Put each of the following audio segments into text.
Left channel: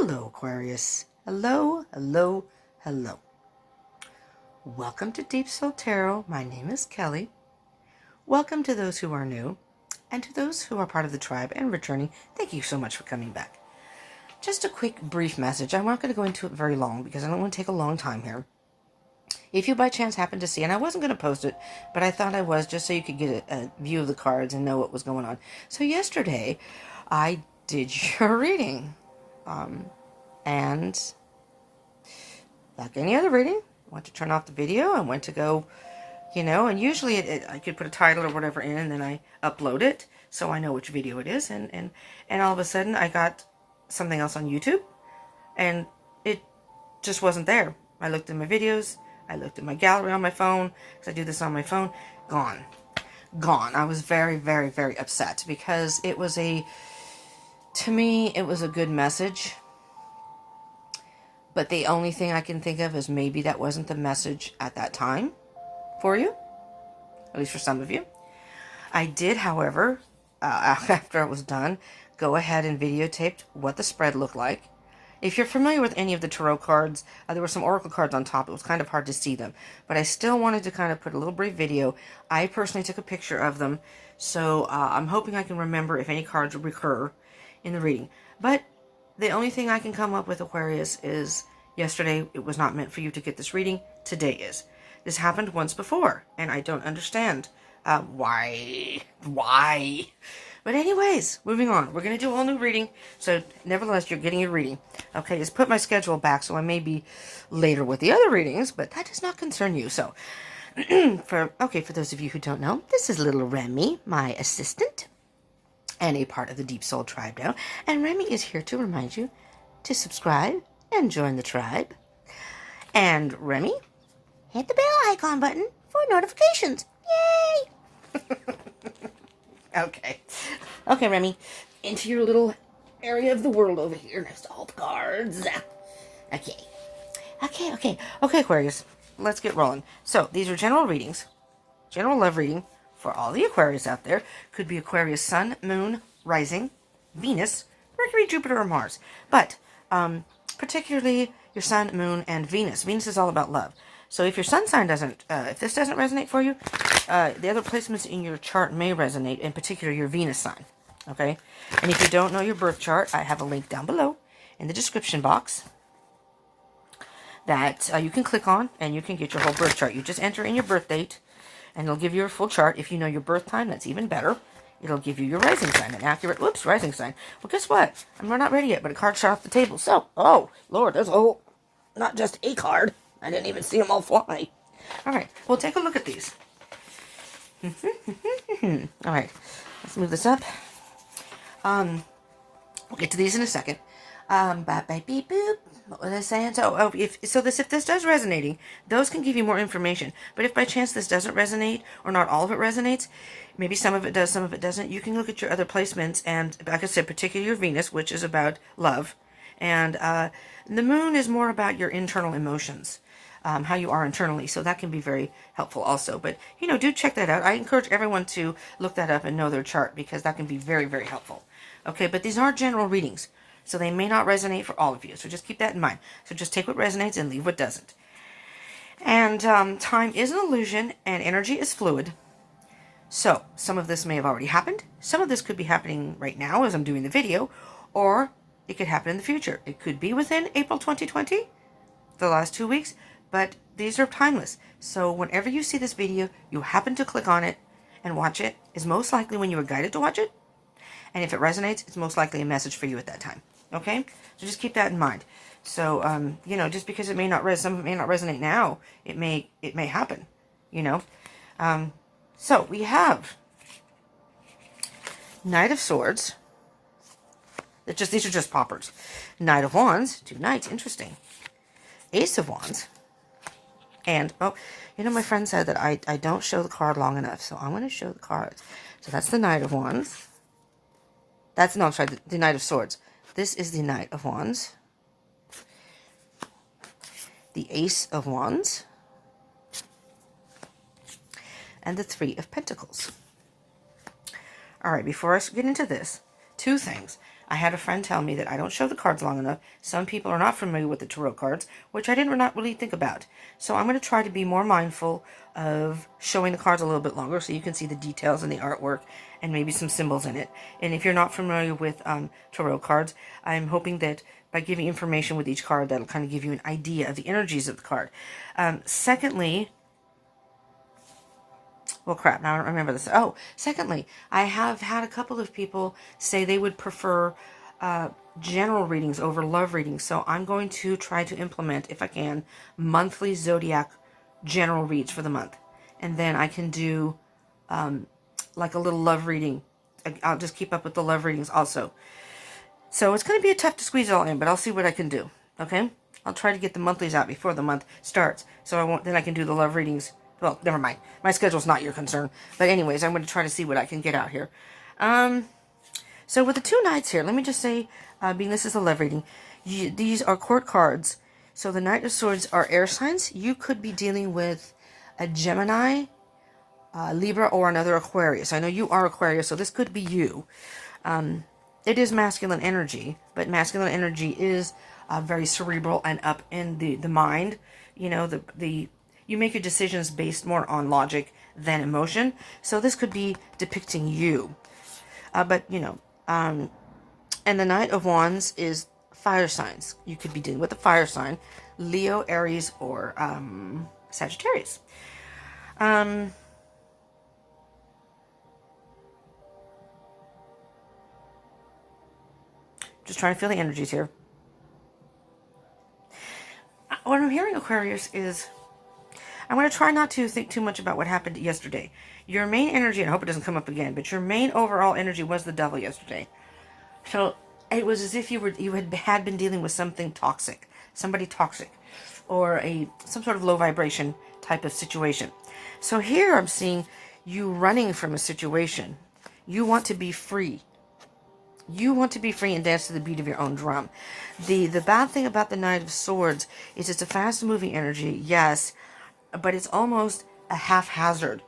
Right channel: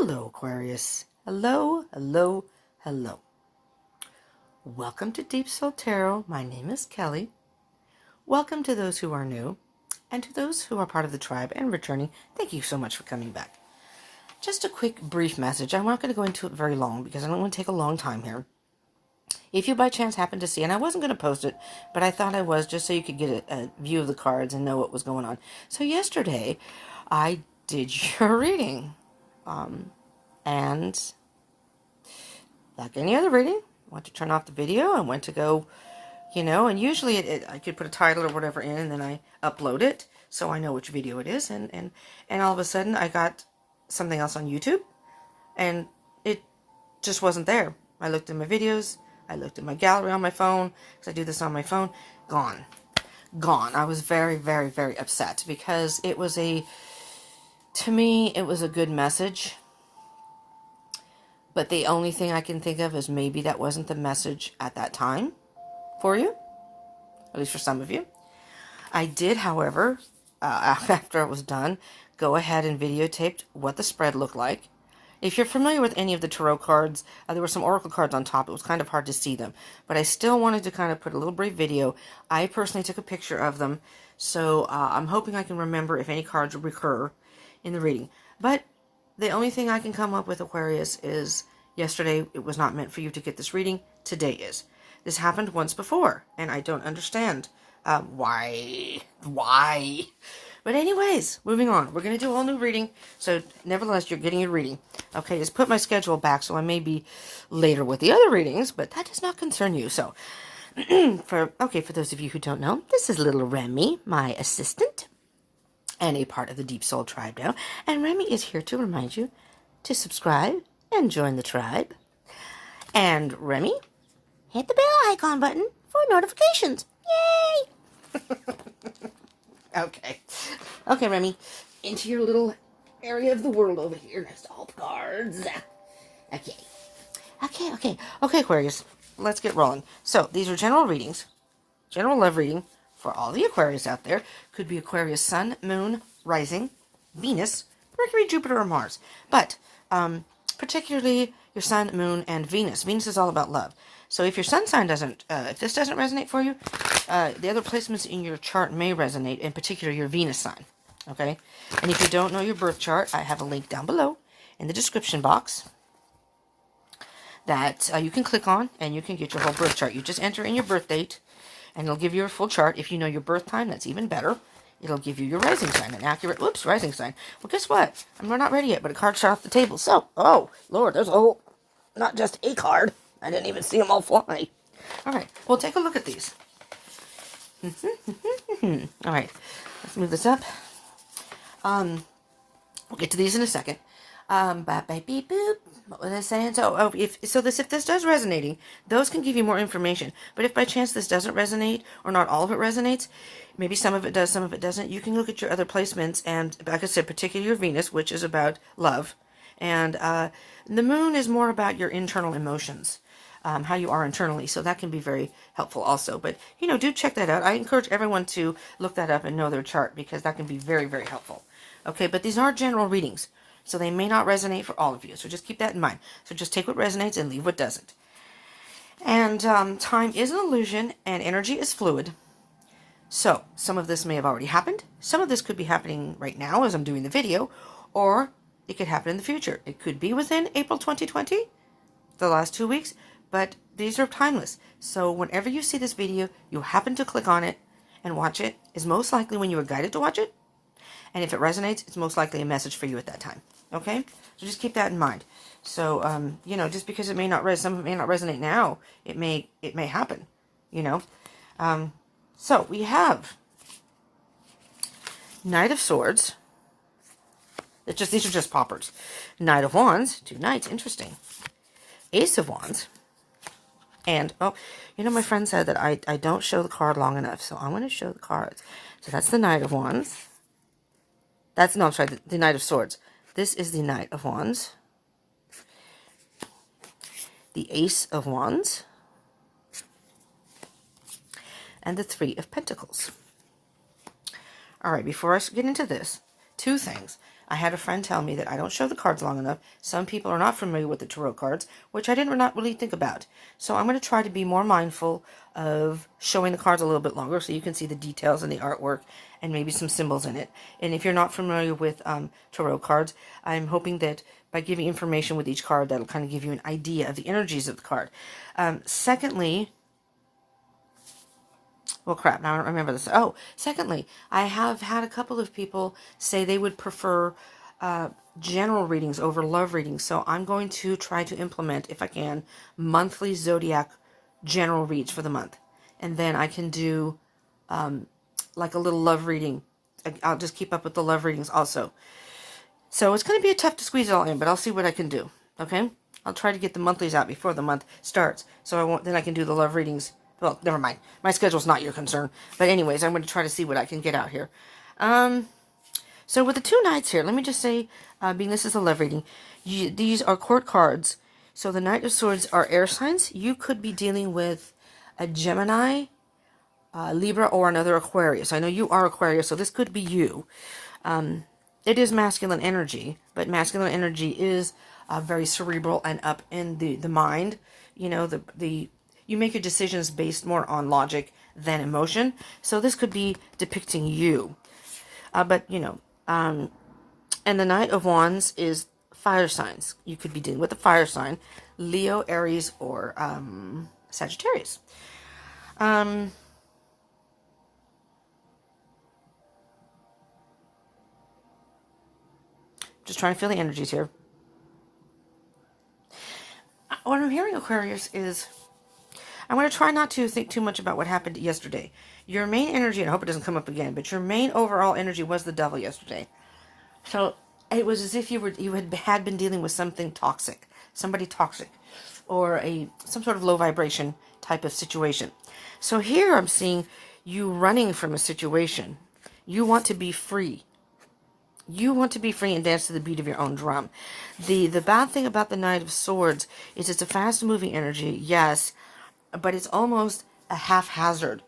Hello, Aquarius. Hello, hello, hello. Welcome to Deep Soul Tarot. My name is Kelly. Welcome to those who are new, and to those who are part of the tribe and returning. Thank you so much for coming back. Just a quick, brief message. I'm not going to go into it very long because I don't want to take a long time here. If you by chance happen to see, and I wasn't going to post it, but I thought I was just so you could get a view of the cards and know what was going on. So yesterday, I did your reading. And like any other reading, I went to turn off the video. I went to go, and usually I could put a title or whatever in, and then I upload it so I know which video it is. And all of a sudden, I got something else on YouTube, and it just wasn't there. I looked at my videos. I looked at my gallery on my phone, because I do this on my phone. Gone. I was very, very, very upset because it was to me, it was a good message. But the only thing I can think of is maybe that wasn't the message at that time for you, at least for some of you. I did, however, after it was done, go ahead and videotaped what the spread looked like. If you're familiar with any of the tarot cards, there were some oracle cards on top. It was kind of hard to see them, but I still wanted to kind of put a little brief video. I personally took a picture of them, so I'm hoping I can remember if any cards recur in the reading. But the only thing I can come up with, Aquarius, is yesterday it was not meant for you to get this reading. Today is. This happened once before, and I don't understand why. But anyways, moving on. We're going to do a whole new reading, so nevertheless, you're getting a reading. Okay, just put my schedule back, so I may be later with the other readings, but that does not concern you. So, for those of you who don't know, this is little Remy, my assistant, and a part of the Deep Soul tribe now. And Remy is here to remind you to subscribe and join the tribe. And Remy, hit the bell icon button for notifications. Yay! Okay, Remy, into your little area of the world over here next to all the cards. Okay, Aquarius, let's get rolling. So, these are general readings, general love reading for all the Aquarius out there. Could be Aquarius Sun, Moon, Rising, Venus, Mercury, Jupiter, or Mars. But, particularly your Sun, Moon, and Venus. Venus is all about love. So if your sun sign doesn't, if this doesn't resonate for you, the other placements in your chart may resonate, in particular your Venus sign, okay? And if you don't know your birth chart, I have a link down below in the description box that you can click on, and you can get your whole birth chart. You just enter in your birth date, and it'll give you a full chart. If you know your birth time, that's even better. It'll give you your rising sign, an accurate, rising sign. Well, guess what? We're not ready yet, but a card shot off the table. So, oh, Lord, there's a whole, not just a card. I didn't even see them all fly. All right, well, take a look at these. All right, let's move this up. We'll get to these in a second. Beep, boop. What was I saying? So, if this does resonating, those can give you more information. But if by chance this doesn't resonate, or not all of it resonates, maybe some of it does, some of it doesn't, you can look at your other placements, and like I said, particularly your Venus, which is about love, and the Moon is more about your internal emotions. How you are internally, so that can be very helpful also. But, do check that out. I encourage everyone to look that up and know their chart, because that can be very, very helpful. Okay, but these are general readings, so they may not resonate for all of you, so just keep that in mind. So just take what resonates and leave what doesn't. And time is an illusion, and energy is fluid. So some of this may have already happened. Some of this could be happening right now as I'm doing the video, or it could happen in the future. It could be within April 2020, the last 2 weeks. But these are timeless. So whenever you see this video, you happen to click on it and watch it, is most likely when you were guided to watch it. And if it resonates, it's most likely a message for you at that time. Okay? So just keep that in mind. So, just because it may not resonate now, it may happen. So we have Knight of Swords. These are just poppers. Knight of Wands, 2 knights, interesting. Ace of Wands. And, my friend said that I don't show the card long enough, so I'm going to show the cards. So that's the Knight of Wands. The Knight of Swords. This is the Knight of Wands. The Ace of Wands. And the Three of Pentacles. All right, before I get into this, 2 things. I had a friend tell me that I don't show the cards long enough. Some people are not familiar with the tarot cards, which I did not really think about. So I'm going to try to be more mindful of showing the cards a little bit longer so you can see the details and the artwork and maybe some symbols in it. And if you're not familiar with tarot cards, I'm hoping that by giving information with each card, that'll kind of give you an idea of the energies of the card. Secondly, well, crap, now I don't remember this. Oh, secondly, I have had a couple of people say they would prefer general readings over love readings. So I'm going to try to implement, if I can, monthly zodiac general reads for the month. And then I can do like a little love reading. I'll just keep up with the love readings also. So it's going to be tough to squeeze it all in, but I'll see what I can do. Okay? I'll try to get the monthlies out before the month starts. So then I can do the love readings. Well, never mind. My schedule's not your concern. But anyways, I'm going to try to see what I can get out here. So with the 2 Knights here, let me just say, being this is a love reading, these are court cards. So the Knight of Swords are air signs. You could be dealing with a Gemini, Libra, or another Aquarius. I know you are Aquarius, so this could be you. It is masculine energy, but masculine energy is very cerebral and up in the mind. You know, you make your decisions based more on logic than emotion. So this could be depicting you. But, you know, and the Knight of Wands is fire signs. You could be dealing with a fire sign, Leo, Aries, or Sagittarius. Just trying to feel the energies here. What I'm hearing, Aquarius, is I'm going to try not to think too much about what happened yesterday. Your main energy, and I hope it doesn't come up again, but your main overall energy was the Devil yesterday. So it was as if you had been dealing with something toxic, somebody toxic, or some sort of low vibration type of situation. So here I'm seeing you running from a situation. You want to be free. You want to be free and dance to the beat of your own drum. The bad thing about the Knight of Swords is it's a fast-moving energy, yes, but it's almost a haphazard.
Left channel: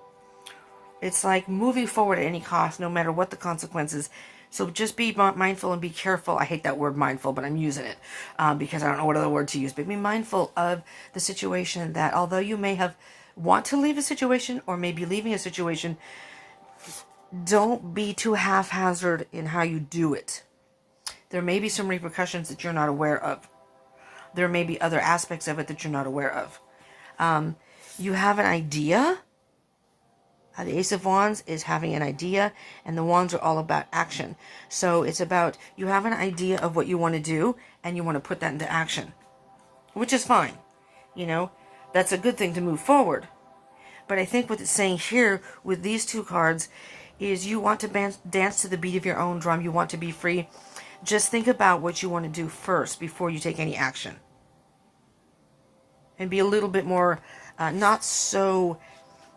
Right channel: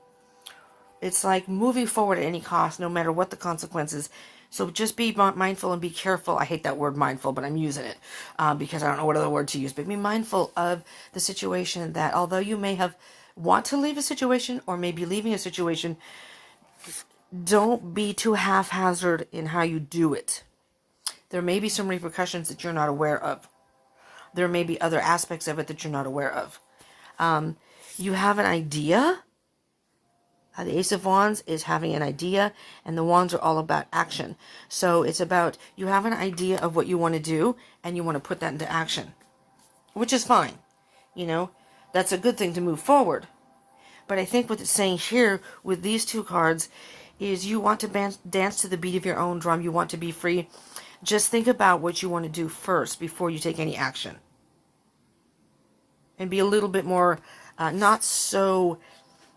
It's like moving forward at any cost, no matter what the consequences. So just be mindful and be careful. I hate that word mindful, but I'm using it because I don't know what other word to use. But be mindful of the situation that although you may want to leave a situation or maybe leaving a situation, don't be too haphazard in how you do it. There may be some repercussions that you're not aware of. There may be other aspects of it that you're not aware of. You have an idea. The Ace of Wands is having an idea, and the Wands are all about action. So it's about you have an idea of what you want to do, and you want to put that into action, which is fine. You know, that's a good thing to move forward. But I think what it's saying here with these 2 cards is you want to dance to the beat of your own drum. You want to be free. Just think about what you want to do first before you take any action. And be a little bit more, not so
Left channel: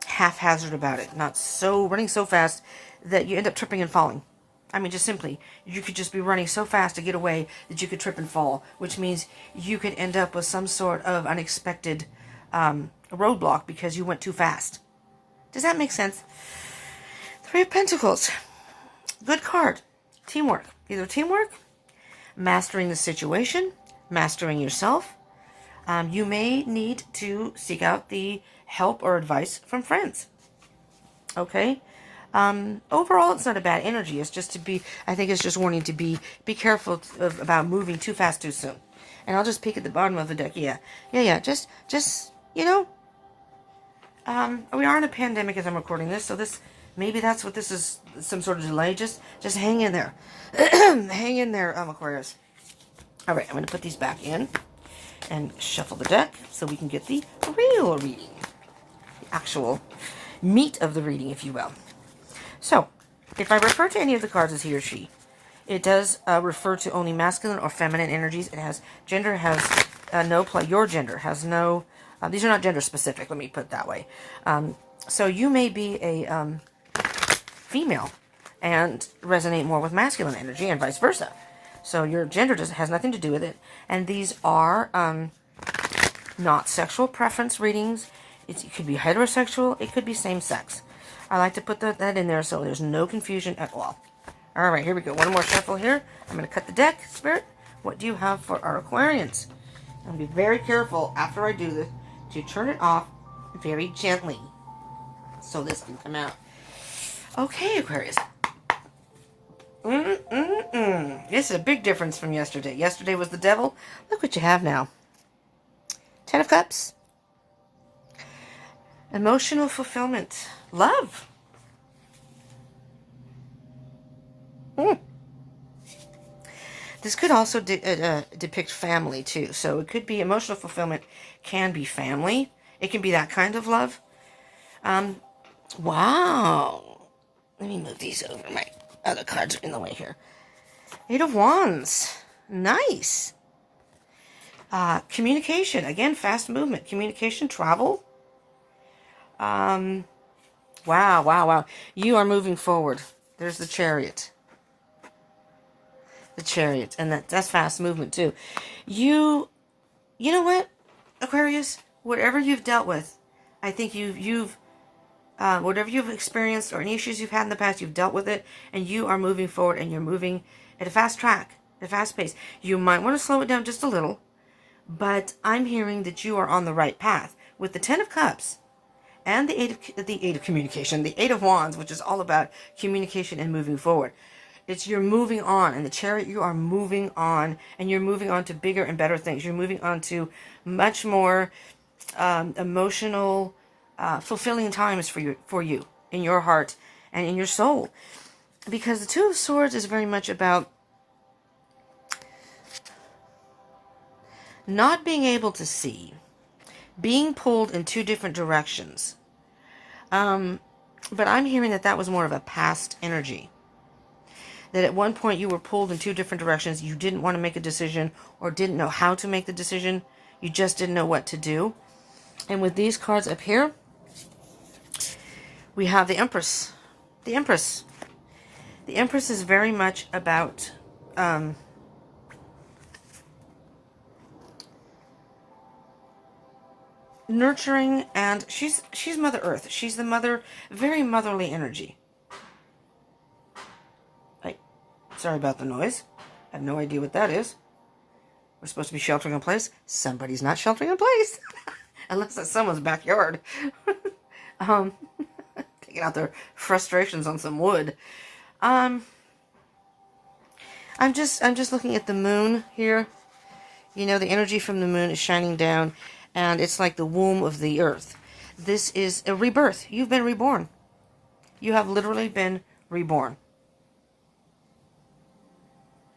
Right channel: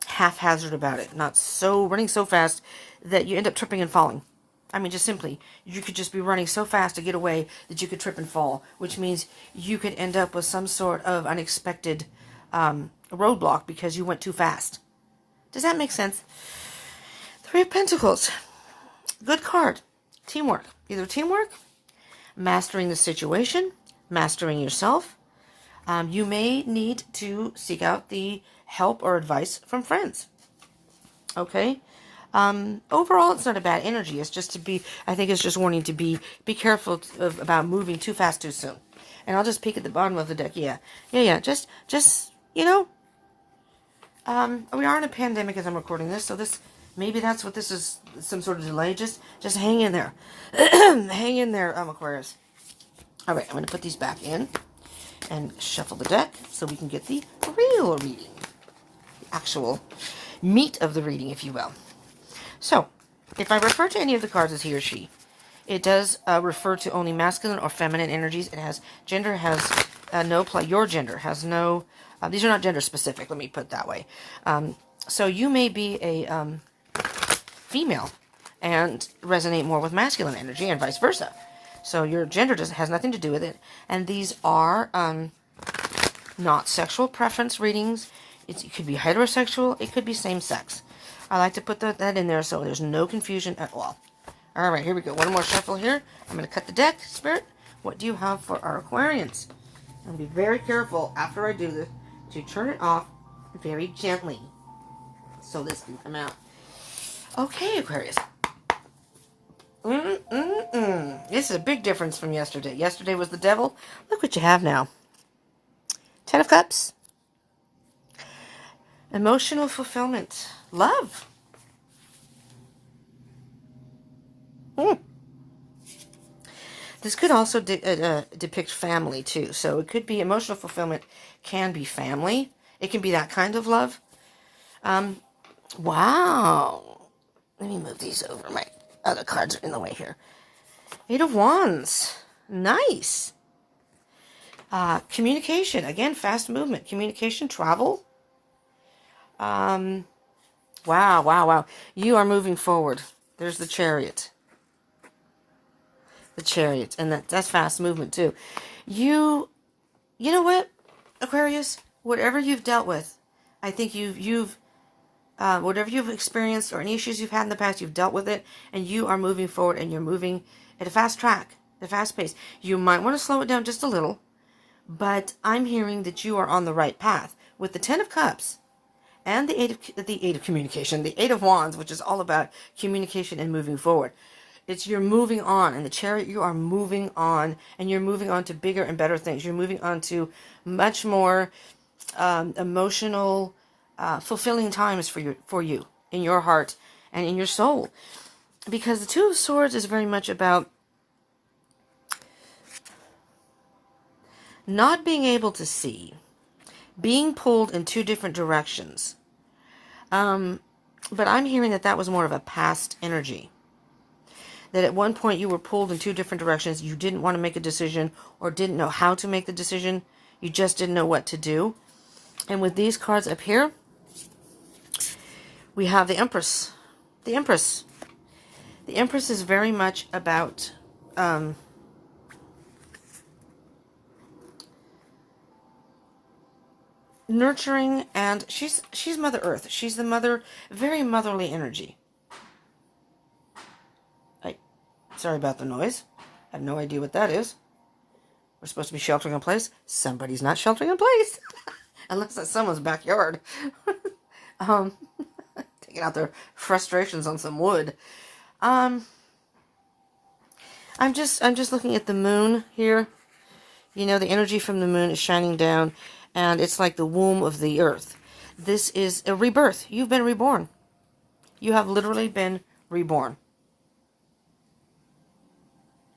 haphazard about it. Not so running so fast that you end up tripping and falling. I mean, just simply, you could just be running so fast to get away that you could trip and fall, which means you could end up with some sort of unexpected roadblock because you went too fast. Does that make sense? 3 of Pentacles. Good card. Teamwork. Either teamwork, mastering the situation, mastering yourself. You may need to seek out the help or advice from friends. Okay? Overall, it's not a bad energy. It's just I think it's just wanting to be careful about moving too fast too soon. And I'll just peek at the bottom of the deck. Yeah. Just, you know, we are in a pandemic as I'm recording this, so maybe that's what this is, some sort of delay. Just hang in there. Hang in there, Aquarius. All right, I'm going to put these back in and shuffle the deck so we can get the real reading. The actual meat of the reading, if you will. So, if I refer to any of the cards as he or she, it does refer to only masculine or feminine energies. Gender has no play. Your gender has no, these are not gender specific, let me put it that way. So you may be a female and resonate more with masculine energy and vice versa. So your gender has nothing to do with it. And these are not sexual preference readings. It could be heterosexual. It could be same sex. I like to put that in there so there's no confusion at all. All right, here we go. One more shuffle here. I'm going to cut the deck, Spirit. What do you have for our Aquarians? And be very careful after I do this to turn it off very gently so this can come out. Okay, Aquarius. This is a big difference from yesterday. Yesterday was the devil. Look what you have now. 10 of Cups. Emotional fulfillment. Love. This could also depict family, too. So it could be emotional fulfillment, can be family. It can be that kind of love. Wow. Let me move these over. My other cards are in the way here. 8 of Wands. Nice. Communication. Again, fast movement. Communication, travel. Wow, wow, wow. You are moving forward. There's the Chariot. The Chariot. And that's fast movement, too. You know what, Aquarius? Whatever you've dealt with, I think whatever you've experienced or any issues you've had in the past, you've dealt with it, and you are moving forward, and you're moving at a fast track, at a fast pace. You might want to slow it down just a little, but I'm hearing that you are on the right path. With the 10 of Cups and the eight of communication, the 8 of Wands, which is all about communication and moving forward. You're moving on. In the Chariot, you are moving on, and you're moving on to bigger and better things. You're moving on to much more emotional, fulfilling times for you in your heart and in your soul. Because the 2 of Swords is very much about not being able to see, being pulled in 2 different directions. But I'm hearing that was more of a past energy. That at one point you were pulled in 2 different directions. You didn't want to make a decision or didn't know how to make the decision. You just didn't know what to do. And with these cards up here, we have the Empress. The Empress. The Empress is very much about nurturing, and she's Mother Earth. She's the mother, very motherly energy. Sorry about the noise. I have no idea what that is. We're supposed to be sheltering in place. Somebody's not sheltering in place. Unless that's someone's backyard. Taking out their frustrations on some wood. I'm just looking at the moon here. You know, the energy from the moon is shining down, and it's like the womb of the earth. This is a rebirth. You've been reborn. You have literally been reborn.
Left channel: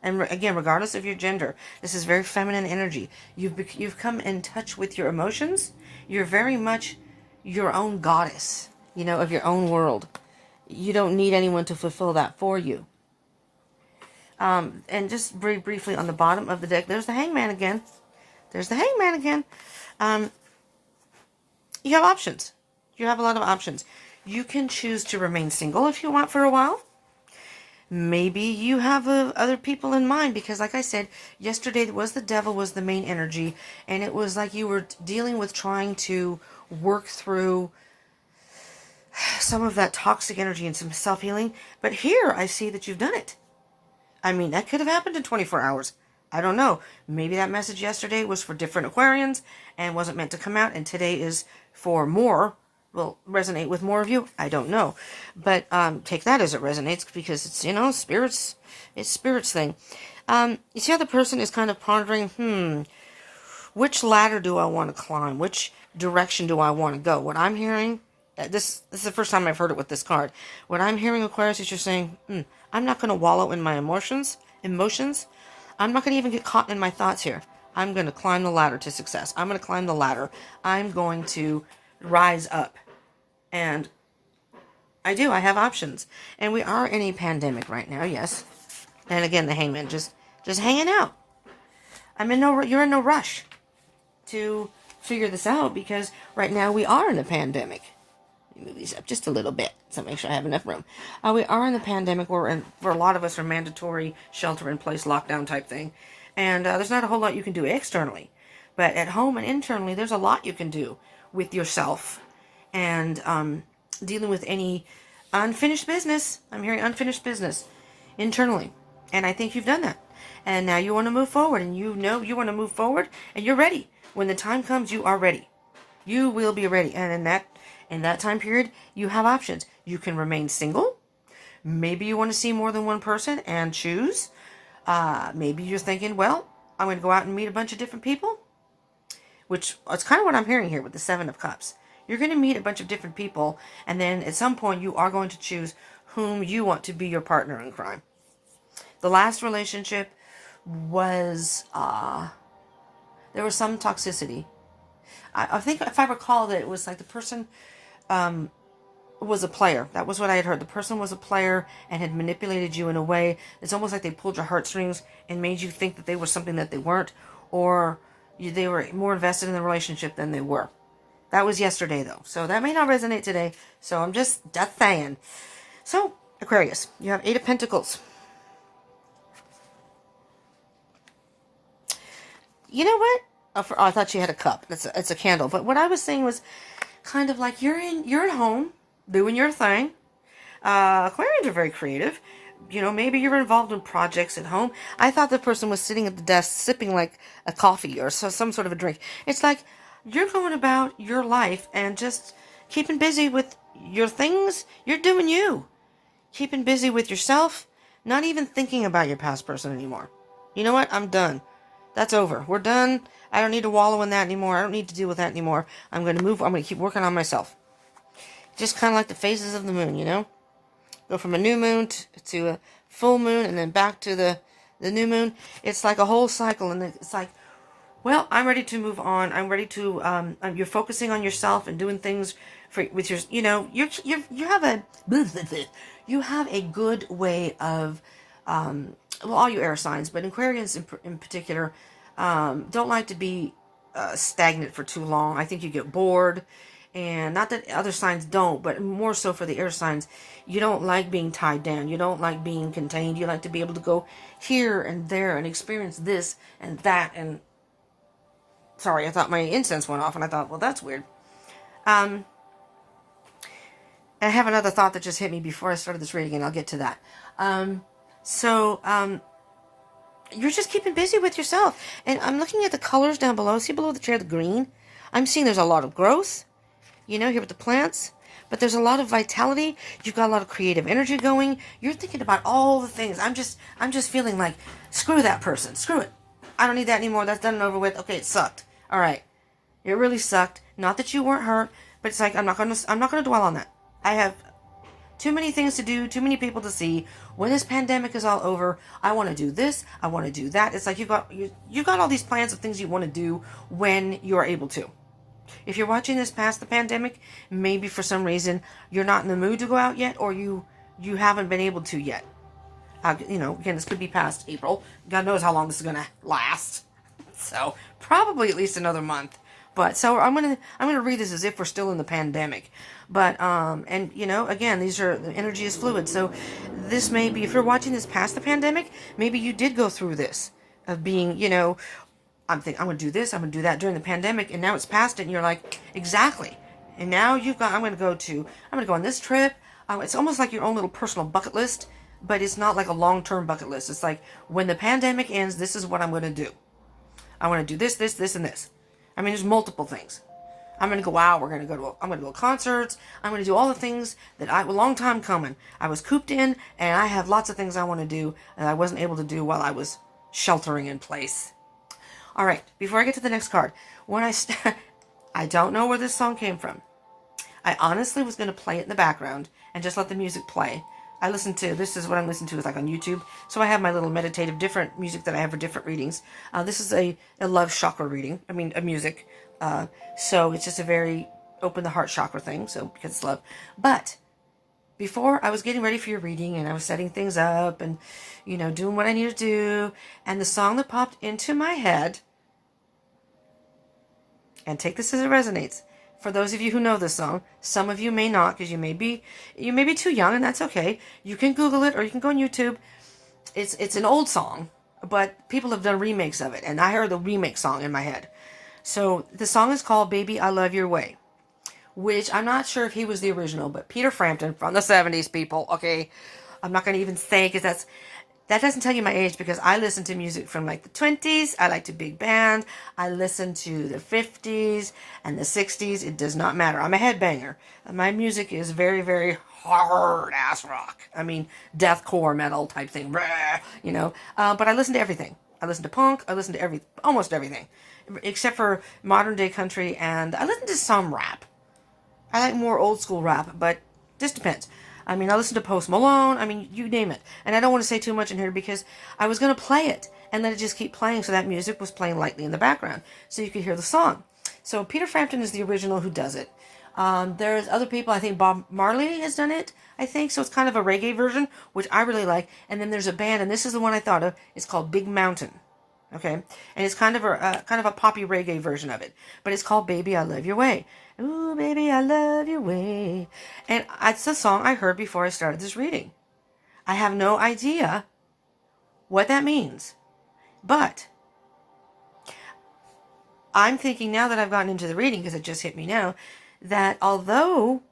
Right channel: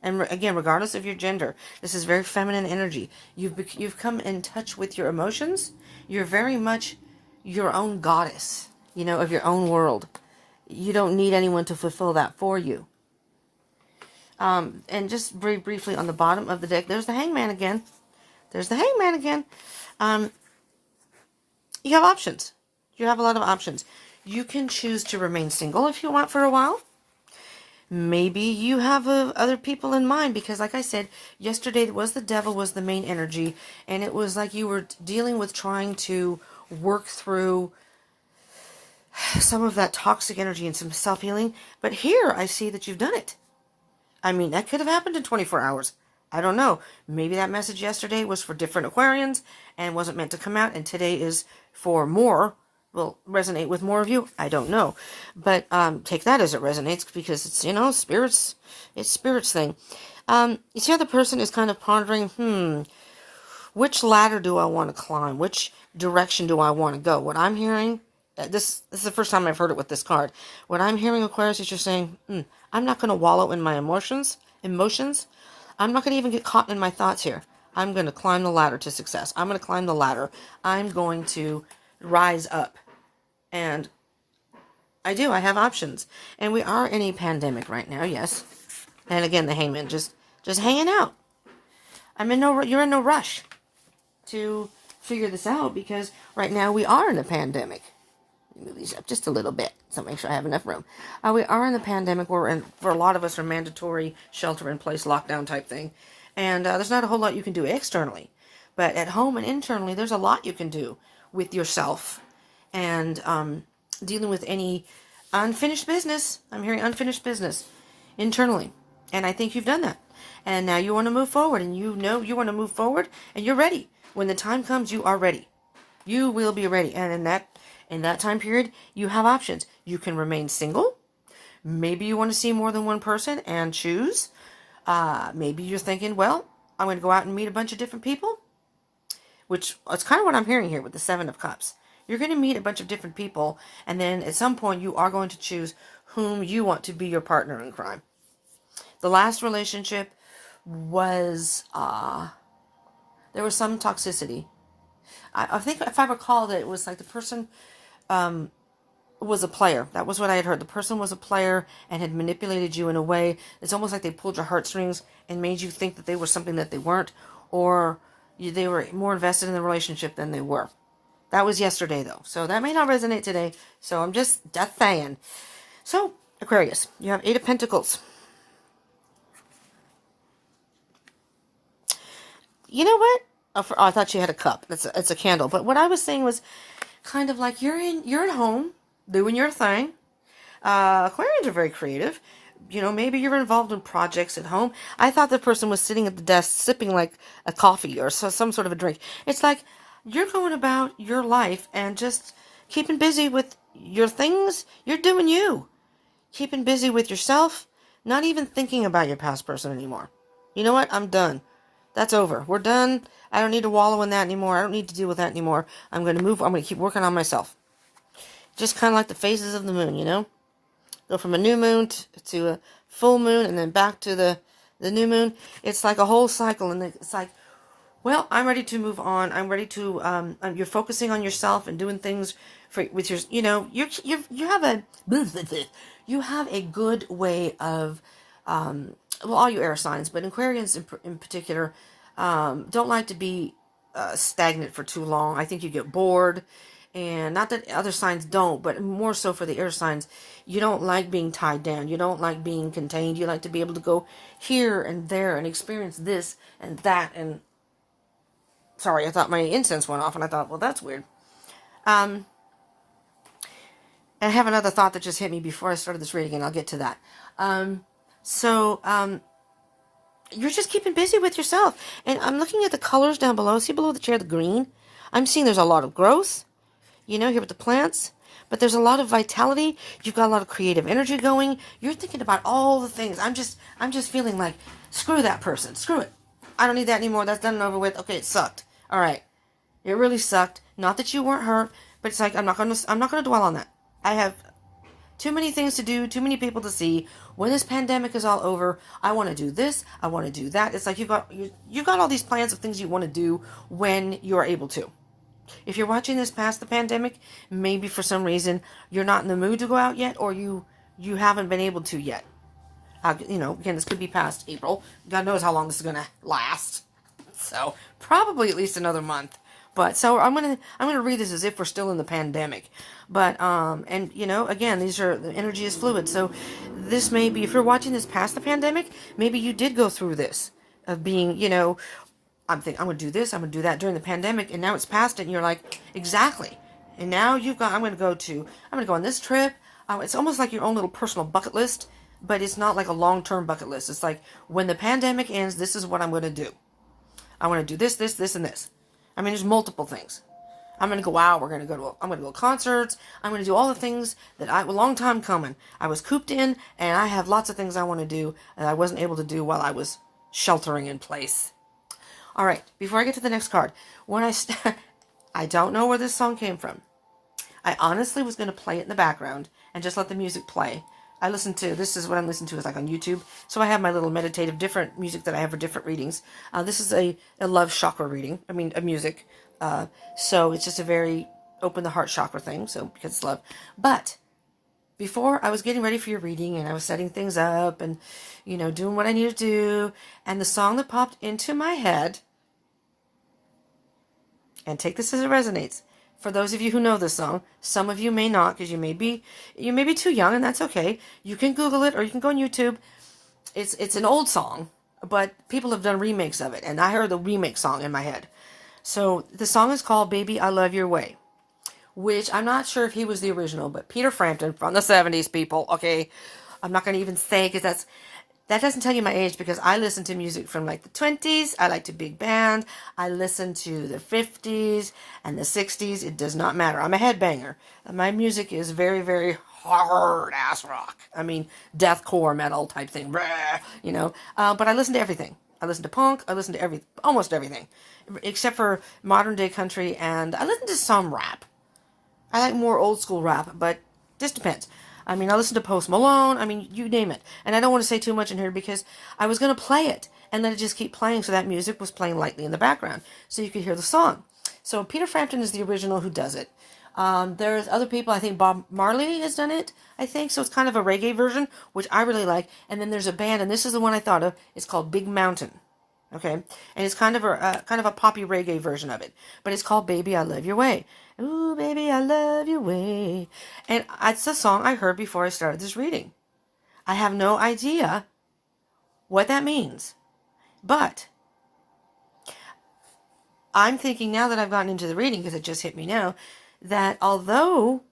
And again, regardless of your gender, this is very feminine energy. You've come in touch with your emotions. You're very much your own goddess, you know, of your own world. You don't need anyone to fulfill that for you. And just very briefly on the bottom of the deck, there's the Hangman again. There's the Hangman again. You have options. You have a lot of options. You can choose to remain single if you want for a while. Maybe you have other people in mind, because like I said, yesterday the devil was the main energy, and it was like you were dealing with trying to work through some of that toxic energy and some self-healing. But here I see that you've done it. I mean, that could have happened in 24 hours. I don't know. Maybe that message yesterday was for different Aquarians and wasn't meant to come out, and today is for more. Will resonate with more of you. I don't know. But take that as it resonates, because it's, you know, spirits. It's spirits thing. You see how the person is kind of pondering, which ladder do I want to climb? Which direction do I want to go? What I'm hearing, this is the first time I've heard it with this card. What I'm hearing, Aquarius, is just saying, I'm not going to wallow in my emotions. I'm not going to even get caught in my thoughts here. I'm going to climb the ladder to success. I'm going to climb the ladder. I'm going to rise up. And I have options. And we are in a pandemic right now, yes. And again, the Hangman, just hanging out. You're in no rush to figure this out, because right now we are in a pandemic. Let me move these up just a little bit, so make sure I have enough room. We are in a pandemic where for a lot of us are mandatory shelter-in-place lockdown type thing. And there's not a whole lot you can do externally. But at home and internally, there's a lot you can do with yourself. And dealing with any unfinished business. I'm hearing unfinished business. internally. And I think you've done that. And now you want to move forward, and you know you want to move forward, and you're ready. When the time comes, you are ready. You will be ready. And in that time period, you have options. You can remain single. Maybe you want to see more than one person and choose. Maybe you're thinking, well, I'm going to go out and meet a bunch of different people, which is kind of what I'm hearing here with the Seven of Cups. You're going to meet a bunch of different people, and then at some point you are going to choose whom you want to be your partner in crime. The last relationship was, there was some toxicity. I think if I recall that it was like the person was a player. That was what I had heard. The person was a player and had manipulated you in a way. It's almost like they pulled your heartstrings and made you think that they were something that they weren't, or they were more invested in the relationship than they were. That was yesterday, though. So that may not resonate today. So I'm just saying. So, Aquarius, you have 8 of Pentacles. You know what? Oh, I thought you had a cup. It's a candle. But what I was saying was kind of like you're at home doing your thing. Aquarians are very creative. You know, maybe you're involved in projects at home. I thought the person was sitting at the desk sipping like a coffee or some sort of a drink. It's like you're going about your life and just keeping busy with your things. You're doing you. Keeping busy with yourself. Not even thinking about your past person anymore. You know what? I'm done. That's over. We're done. I don't need to wallow in that anymore. I don't need to deal with that anymore. I'm going to move. I'm going to keep working on myself. Just kind of like the phases of the moon, you know? Go from a new moon to a full moon and then back to the new moon. It's like a whole cycle. And it's like, well, I'm ready to move on. I'm ready to, you're focusing on yourself and doing things with your, you know, you have a good way of, well, all you air signs, but Aquarians in particular, don't like to be stagnant for too long. I think you get bored. And not that other signs don't, but more so for the air signs, you don't like being tied down. You don't like being contained. You like to be able to go here and there and experience this and that. And sorry, I thought my incense went off, and I thought, well, that's weird. I have another thought that just hit me before I started this reading, and I'll get to that. You're just keeping busy with yourself. And I'm looking at the colors down below. See below the chair, the green? I'm seeing there's a lot of growth. You know, here with the plants, but there's a lot of vitality. You've got a lot of creative energy going. You're thinking about all the things. I'm just feeling like, screw that person. Screw it. I don't need that anymore. That's done and over with. Okay, it sucked. All right. It really sucked. Not that you weren't hurt, but it's like, I'm not going to dwell on that. I have too many things to do, too many people to see. When this pandemic is all over, I want to do this. I want to do that. It's like you've got all these plans of things you want to do when you're able to. If you're watching this past the pandemic, maybe for some reason you're not in the mood to go out yet, or you haven't been able to yet. You know, again, this could be past April. God knows how long this is going to last. So probably at least another month. But so I'm gonna read this as if we're still in the pandemic. But and you know, again, the energy is fluid. So this may be, if you're watching this past the pandemic, maybe you did go through this of being, you know, I'm going to do this, I'm going to do that during the pandemic, and now it's past it, and you're like, exactly. And now I'm going to go on this trip. It's almost like your own little personal bucket list, but it's not like a long-term bucket list. It's like, when the pandemic ends, this is what I'm going to do. I want to do this, and this. I mean, there's multiple things. I'm going to go out, I'm going to go to concerts, I'm going to do all the things that a long time coming. I was cooped in, and I have lots of things I want to do, and I wasn't able to do while I was sheltering in place. All right, before I get to the next card, I don't know where this song came from. I honestly was going to play it in the background and just let the music play. This is what I'm listening to, is like on YouTube. So I have my little meditative different music that I have for different readings. This is a love chakra reading. I mean, a music. So it's just a very open the heart chakra thing. So because it's love. But before I was getting ready for your reading, and I was setting things up and, you know, doing what I needed to do. And the song that popped into my head, and take this as it resonates. For those of you who know this song, some of you may not, because you may be too young, and that's okay. You can Google it, or you can go on YouTube. It's an old song, but people have done remakes of it, and I heard the remake song in my head. So the song is called "Baby, I Love Your Way," which I'm not sure if he was the original, but Peter Frampton from the 70s, people. Okay, I'm not going to even say, because That doesn't tell you my age because I listen to music from like the 20s. I like to big band. I listen to the 50s and the 60s. It does not matter. I'm a headbanger. My music is very, very hard ass rock. I mean, deathcore metal type thing, you know. But I listen to everything. I listen to punk. I listen to almost everything, except for modern day country, and I listen to some rap. I like more old school rap, but this depends. I mean, I listen to Post Malone. I mean, you name it. And I don't want to say too much in here because I was going to play it and let it just keep playing. So that music was playing lightly in the background so you could hear the song. So Peter Frampton is the original who does it. There's other people. I think Bob Marley has done it, I think. So it's kind of a reggae version, which I really like. And then there's a band, and this is the one I thought of. It's called Big Mountain. Okay. And it's kind of a poppy reggae version of it. But it's called Baby, I Love Your Way. Ooh, baby, I love your way. And it's a song I heard before I started this reading. I have no idea what that means. But I'm thinking now that I've gotten into the reading, because it just hit me now, that although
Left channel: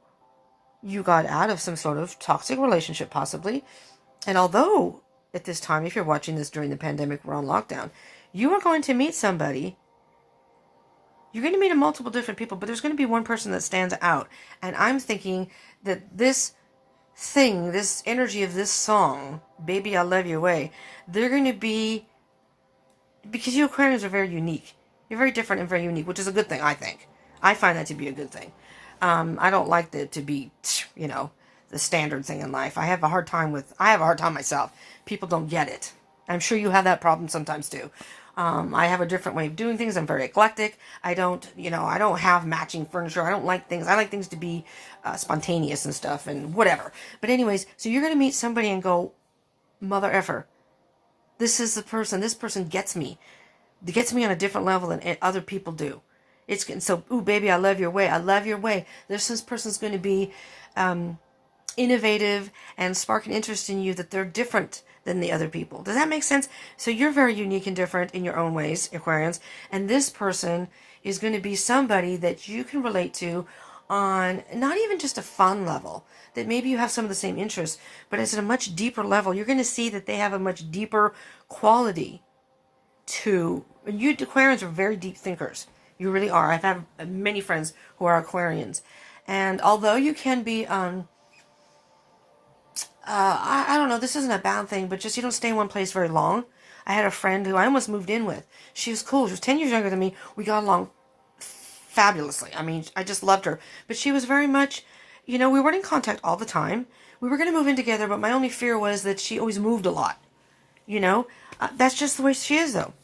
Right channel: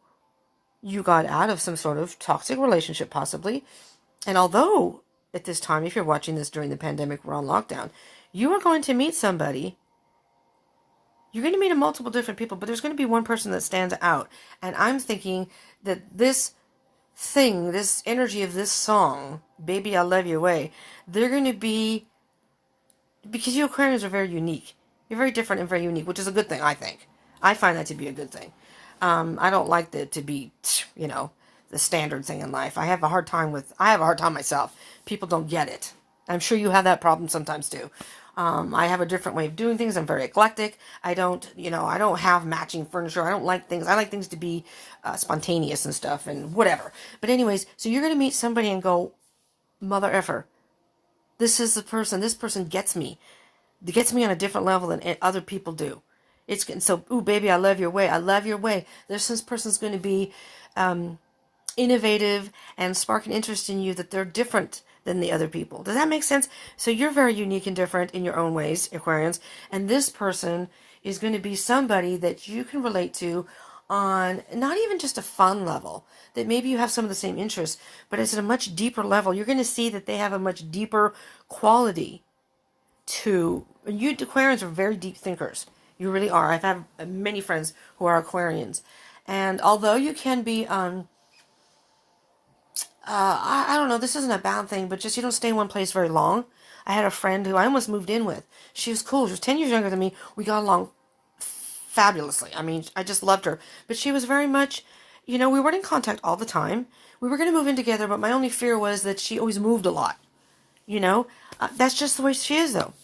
you got out of some sort of toxic relationship possibly, and although at this time, if you're watching this during the pandemic, we're on lockdown, you are going to meet somebody. You're going to meet multiple different people, but there's going to be one person that stands out. And I'm thinking that this thing, this energy of this song, Baby, I Love Your Way, they're going to be, because you Aquarians are very unique. You're very different and very unique, which is a good thing, I think. I find that to be a good thing. I don't like that to be, you know, the standard thing in life. I have a hard time myself. People don't get it. I'm sure you have that problem sometimes too. I have a different way of doing things. I'm very eclectic. I don't have matching furniture. I don't like things. I like things to be spontaneous and stuff and whatever. But anyways, so you're going to meet somebody and go, mother effer, this is the person. This person gets me. It gets me on a different level than other people do. It's getting so, ooh, baby, I love your way. I love your way. This person's going to be innovative and spark an interest in you that they're different than the other people. Does that make sense? So you're very unique and different in your own ways, Aquarians. And this person is going to be somebody that you can relate to on not even just a fun level, that maybe you have some of the same interests, but it's at a much deeper level. You're going to see that they have a much deeper quality to, and you Aquarians are very deep thinkers. You really are. I've had many friends who are Aquarians. And although you can be I don't know, this isn't a bad thing, but just you don't stay in one place very long. I had a friend who I almost moved in with. She was cool. She was 10 years younger than me. We got along fabulously. I mean, I just loved her. But she was very much, we weren't in contact all the time. We were going to move in together, but my only fear was that she always moved a lot. That's just the way she is, though.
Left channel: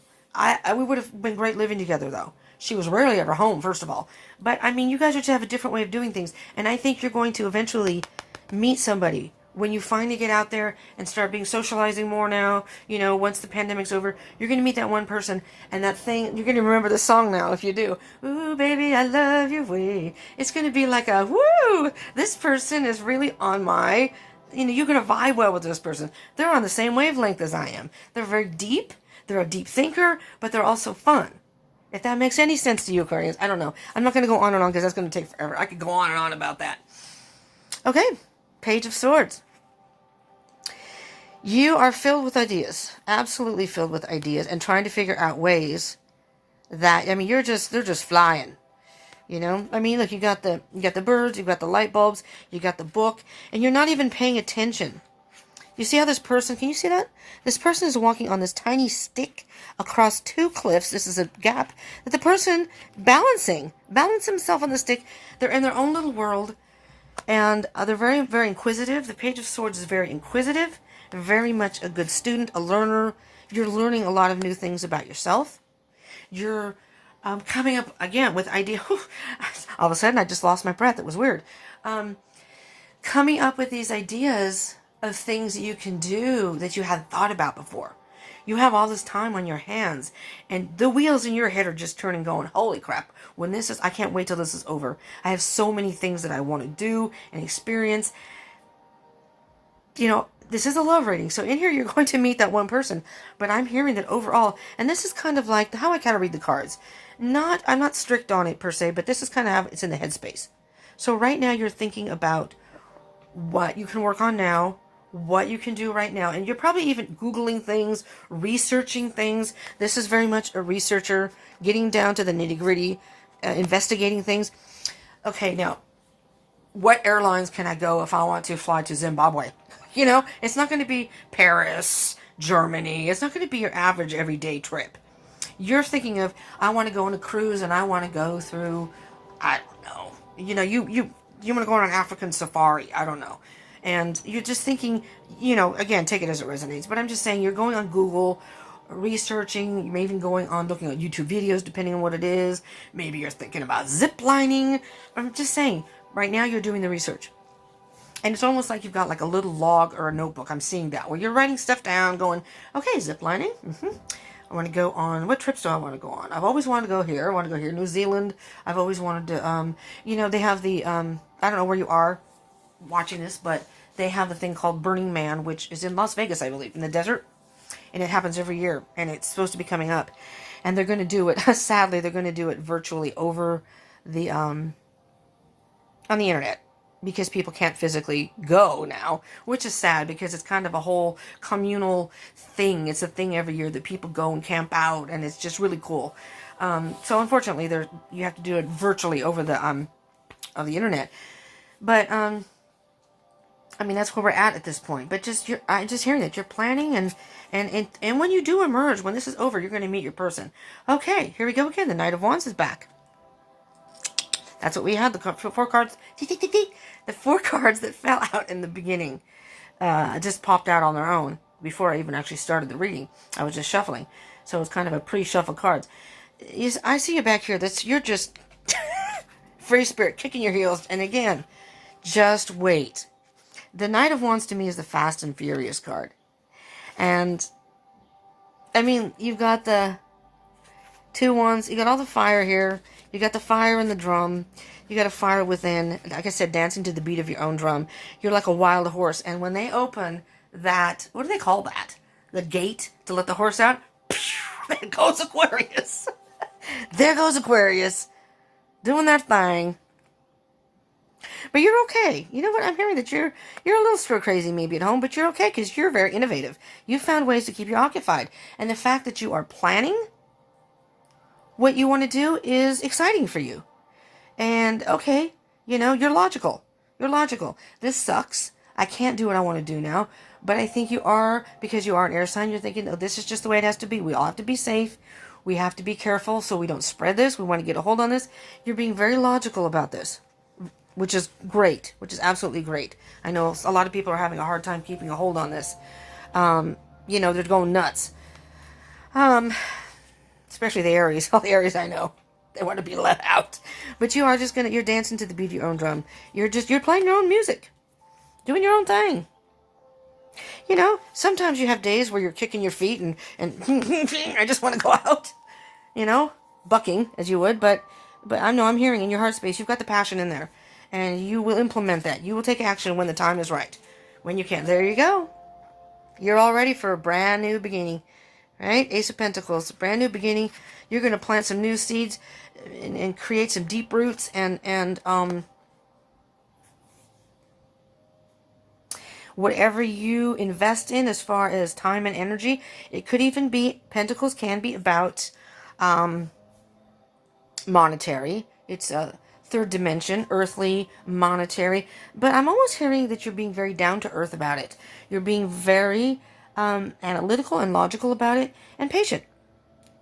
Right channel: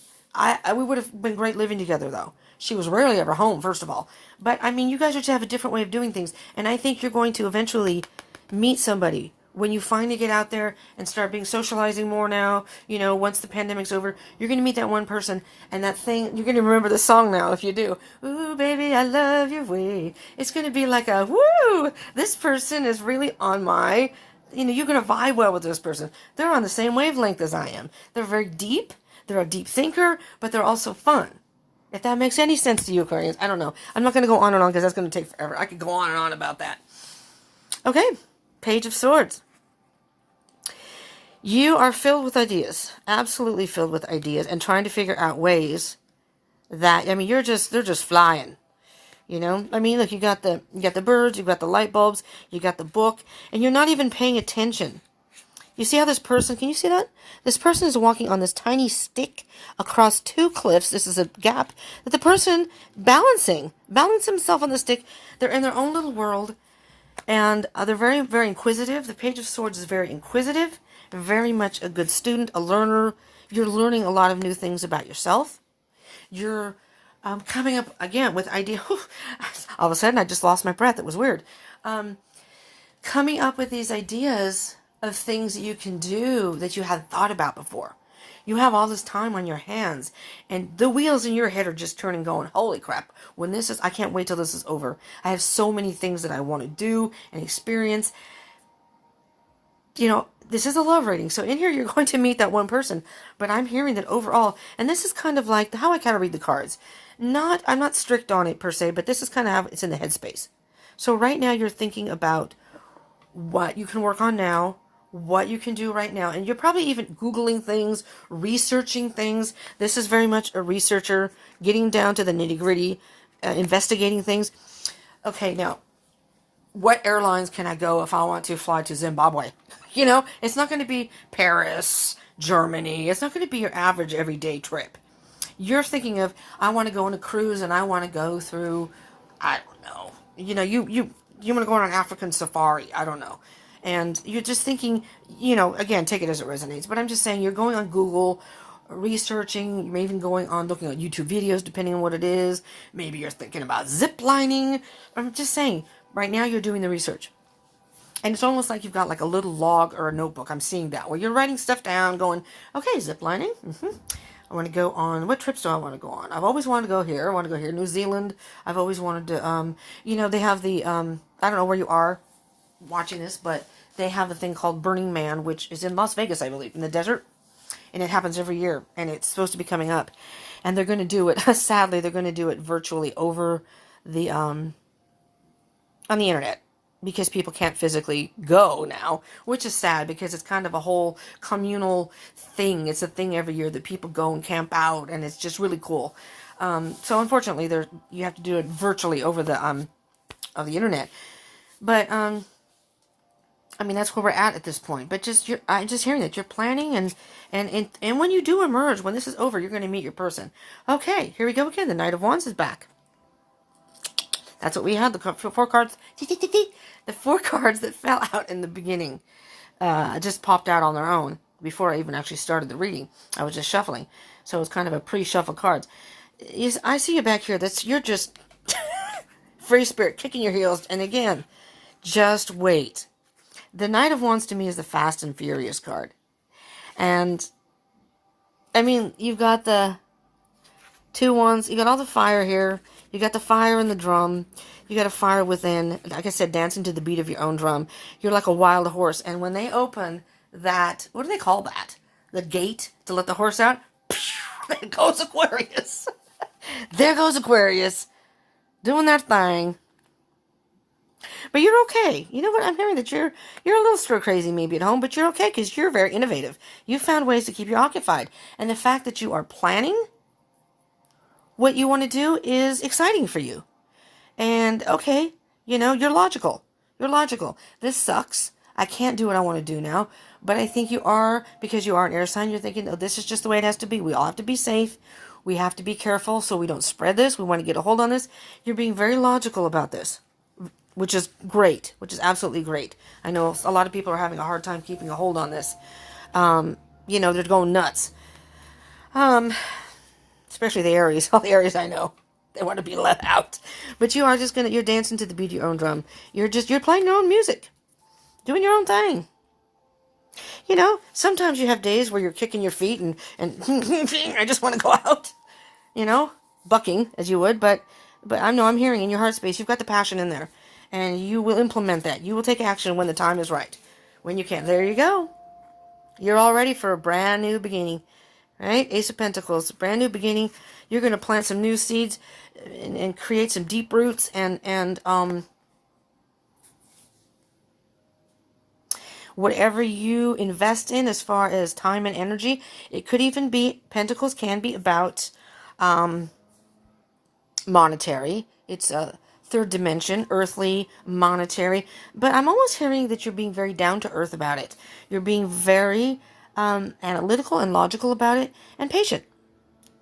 We would have been great living together, though. She was rarely ever home, first of all. But, I mean, you guys are to have a different way of doing things. And I think you're going to eventually meet somebody when you finally get out there and start being socializing more now, once the pandemic's over, you're going to meet that one person, and that thing, you're going to remember the song now if you do. Ooh, baby, I love your way. It's going to be like a, woo, this person is really on my, you're going to vibe well with this person. They're on the same wavelength as I am. They're very deep. They're a deep thinker, but they're also fun. If that makes any sense to you, Aquarians, I don't know. I'm not going to go on and on because that's going to take forever. I could go on and on about that. Okay. Page of Swords. You are filled with ideas, absolutely filled with ideas, and trying to figure out ways that, they're just flying, look, you got the birds, you got the light bulbs, you got the book, and you're not even paying attention. You see how this person, can you see that? This person is walking on this tiny stick across two cliffs. This is a gap that the person balance himself on the stick. They're in their own little world. And they're very, very inquisitive. The Page of Swords is very inquisitive, very much a good student, a learner. You're learning a lot of new things about yourself. You're coming up, again, with ideas. All of a sudden, I just lost my breath. It was weird. Coming up with these ideas of things that you can do that you hadn't thought about before. You have all this time on your hands, and the wheels in your head are just turning, going, holy crap. I can't wait till this is over. I have so many things that I want to do and experience. This is a love reading. So in here, you're going to meet that one person. But I'm hearing that overall, and this is kind of like how I kind of read the cards. I'm not strict on it per se, but this is kind of how it's in the headspace. So right now, you're thinking about what you can work on now, what you can do right now. And you're probably even Googling things, researching things. This is very much a researcher, getting down to the nitty-gritty, investigating things. Okay, now, what airlines can I go if I want to fly to Zimbabwe? You know, it's not going to be Paris, Germany. It's not going to be your average everyday trip. You're thinking of, I want to go on a cruise and I want to go through, I don't know. You know, you want to go on an African safari. I don't know. And you're just thinking, you know, again, take it as it resonates. But I'm just saying, you're going on Google, researching, you're even going on looking at YouTube videos, depending on what it is. Maybe you're thinking about zip lining. I'm just saying, right now you're doing the research. And it's almost like you've got like a little log or a notebook. I'm seeing that, where you're writing stuff down, going, okay, zip lining. I want to go on, what trips do I want to go on? I've always wanted to go here. I want to go here. New Zealand. I've always wanted to, you know, they have the, I don't know where you are watching this, but they have the thing called Burning Man, which is in Las Vegas, I believe, in the desert. And it happens every year, and it's supposed to be coming up. And they're going to do it, sadly, they're going to do it virtually over the, on the internet, because people can't physically go now, which is sad, because it's kind of a whole communal thing. It's a thing every year that people go and camp out, and it's just really cool. So unfortunately, you have to do it virtually over the of the internet. But I mean, that's where we're at this point. But I'm just hearing that you're planning, and when you do emerge, when this is over, you're going to meet your person. Okay, here we go again. The Knight of Wands is back. That's what we had. The 4 cards. The 4 cards that fell out in the beginning just popped out on their own before I even actually started the reading. I was just shuffling. So it was kind of a pre-shuffle cards. I see you back here. You're just free spirit, kicking your heels. And again, just wait. The Knight of Wands to me is the Fast and Furious card. And, I mean, you've got the 2 wands. You got all the fire here. You got the fire in the drum. You got a fire within. Like I said, dancing to the beat of your own drum. You're like a wild horse. And when they open that, what do they call that? The gate to let the horse out? There goes Aquarius. There goes Aquarius. Doing that thing. But you're okay. You know what? I'm hearing that you're a little stir crazy maybe at home, but you're okay because you're very innovative. You found ways to keep you occupied. And the fact that you are planning what you want to do is exciting for you. And, okay, you know, you're logical. You're logical. This sucks. I can't do what I want to do now. But I think you are, because you are an air sign, you're thinking, oh, this is just the way it has to be. We all have to be safe. We have to be careful so we don't spread this. We want to get a hold on this. You're being very logical about this, which is great, which is absolutely great. I know a lot of people are having a hard time keeping a hold on this. You know, they're going nuts. Especially the Aries. All the Aries I know, they want to be let out. But you are just you're dancing to the beat of your own drum. You're playing your own music. Doing your own thing. You know, sometimes you have days where you're kicking your feet and I just want to go out. You know, bucking as you would, but I'm hearing in your heart space, you've got the passion in there. And you will implement that. You will take action when the time is right. When you can. There you go. You're all ready for a brand new beginning. Right? Ace of Pentacles. Brand new beginning. You're going to plant some new seeds and create some deep roots and whatever you invest in as far as time and energy. It could even be, Pentacles can be about monetary. It's a third dimension, earthly, monetary. But I'm almost hearing that you're being very down to earth about it. You're being very analytical and logical about it, and patient.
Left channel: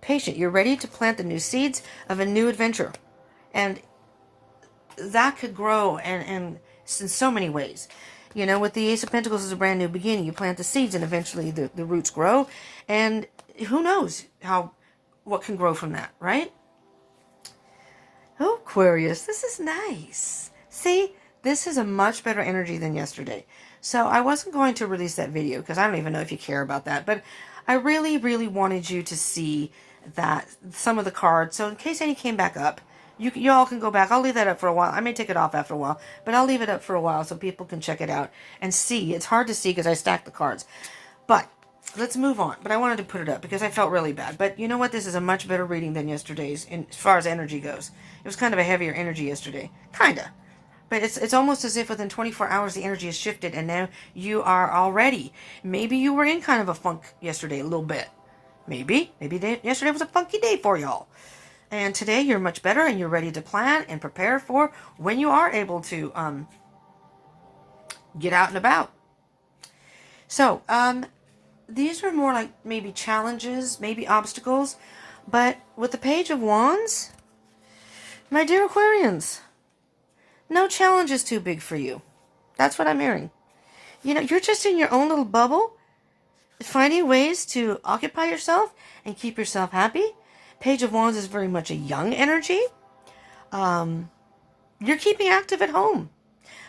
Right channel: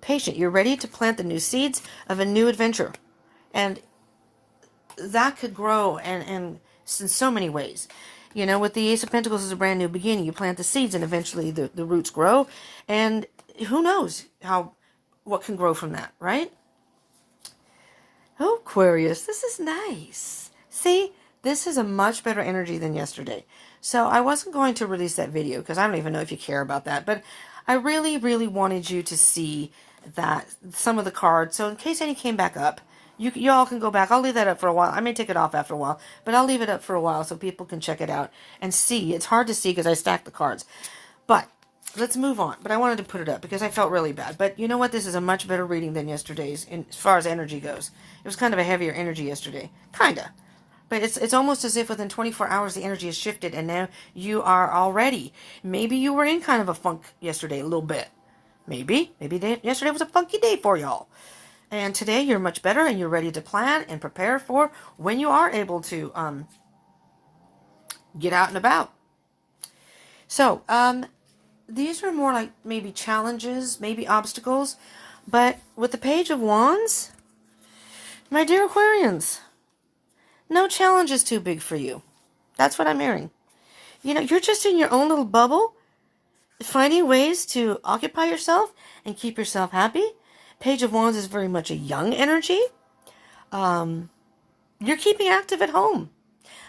Patient. You're ready to plant the new seeds of a new adventure. And that could grow and in so many ways. You know, with the Ace of Pentacles is a brand new beginning. You plant the seeds and eventually the roots grow. And who knows what can grow from that, right? Oh, Aquarius, this is nice. See, this is a much better energy than yesterday. So I wasn't going to release that video because I don't even know if you care about that. But I really, really wanted you to see that some of the cards. So in case any came back up, you all can go back. I'll leave that up for a while. I may take it off after a while, but I'll leave it up for a while so people can check it out and see. It's hard to see because I stacked the cards. But let's move on. But I wanted to put it up because I felt really bad. But you know what? This is a much better reading than yesterday's as far as energy goes. It was kind of a heavier energy yesterday. Kinda. But it's almost as if within 24 hours the energy has shifted and now you are all ready. Maybe you were in kind of a funk yesterday a little bit. Maybe yesterday was a funky day for y'all. And today you're much better and you're ready to plan and prepare for when you are able to get out and about. So, these are more like maybe challenges, maybe obstacles. But with the Page of Wands, my dear Aquarians, no challenge is too big for you. That's what I'm hearing. You know, you're just in your own little bubble, finding ways to occupy yourself and keep yourself happy. Page of Wands is very much a young energy. You're keeping active at home.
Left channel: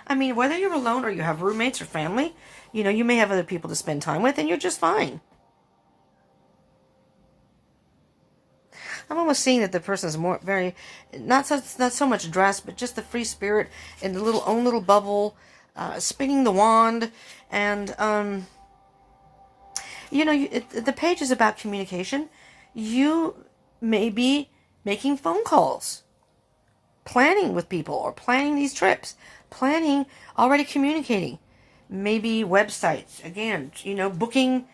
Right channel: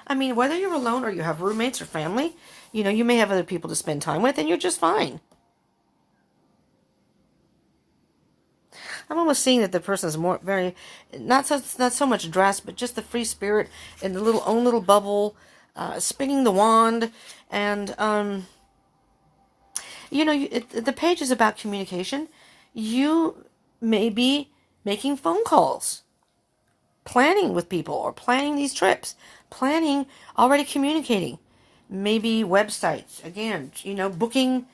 I mean, whether you're alone or you have roommates or family, you know, you may have other people to spend time with and you're just fine. I'm almost seeing that the person is more not so much dressed, but just the free spirit in the own little bubble, spinning the wand, and you know, the page is about communication. You may be making phone calls, planning with people, or planning these trips, already communicating, maybe websites, again, you know, booking,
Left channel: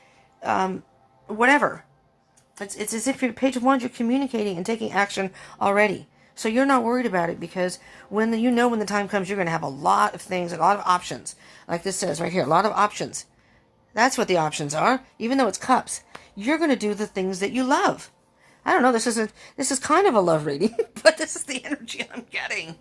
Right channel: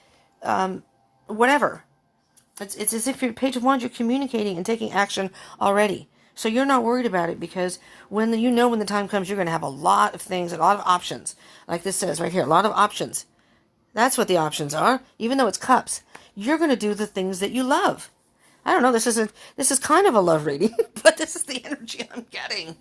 whatever. It's as if your Page of Wands, you're communicating and taking action already. So you're not worried about it because when the time comes, you're going to have a lot of things, a lot of options. Like this says right here, a lot of options. That's what the options are. Even though it's cups, you're going to do the things that you love. I don't know, this is kind of a love reading, but this is the energy I'm getting.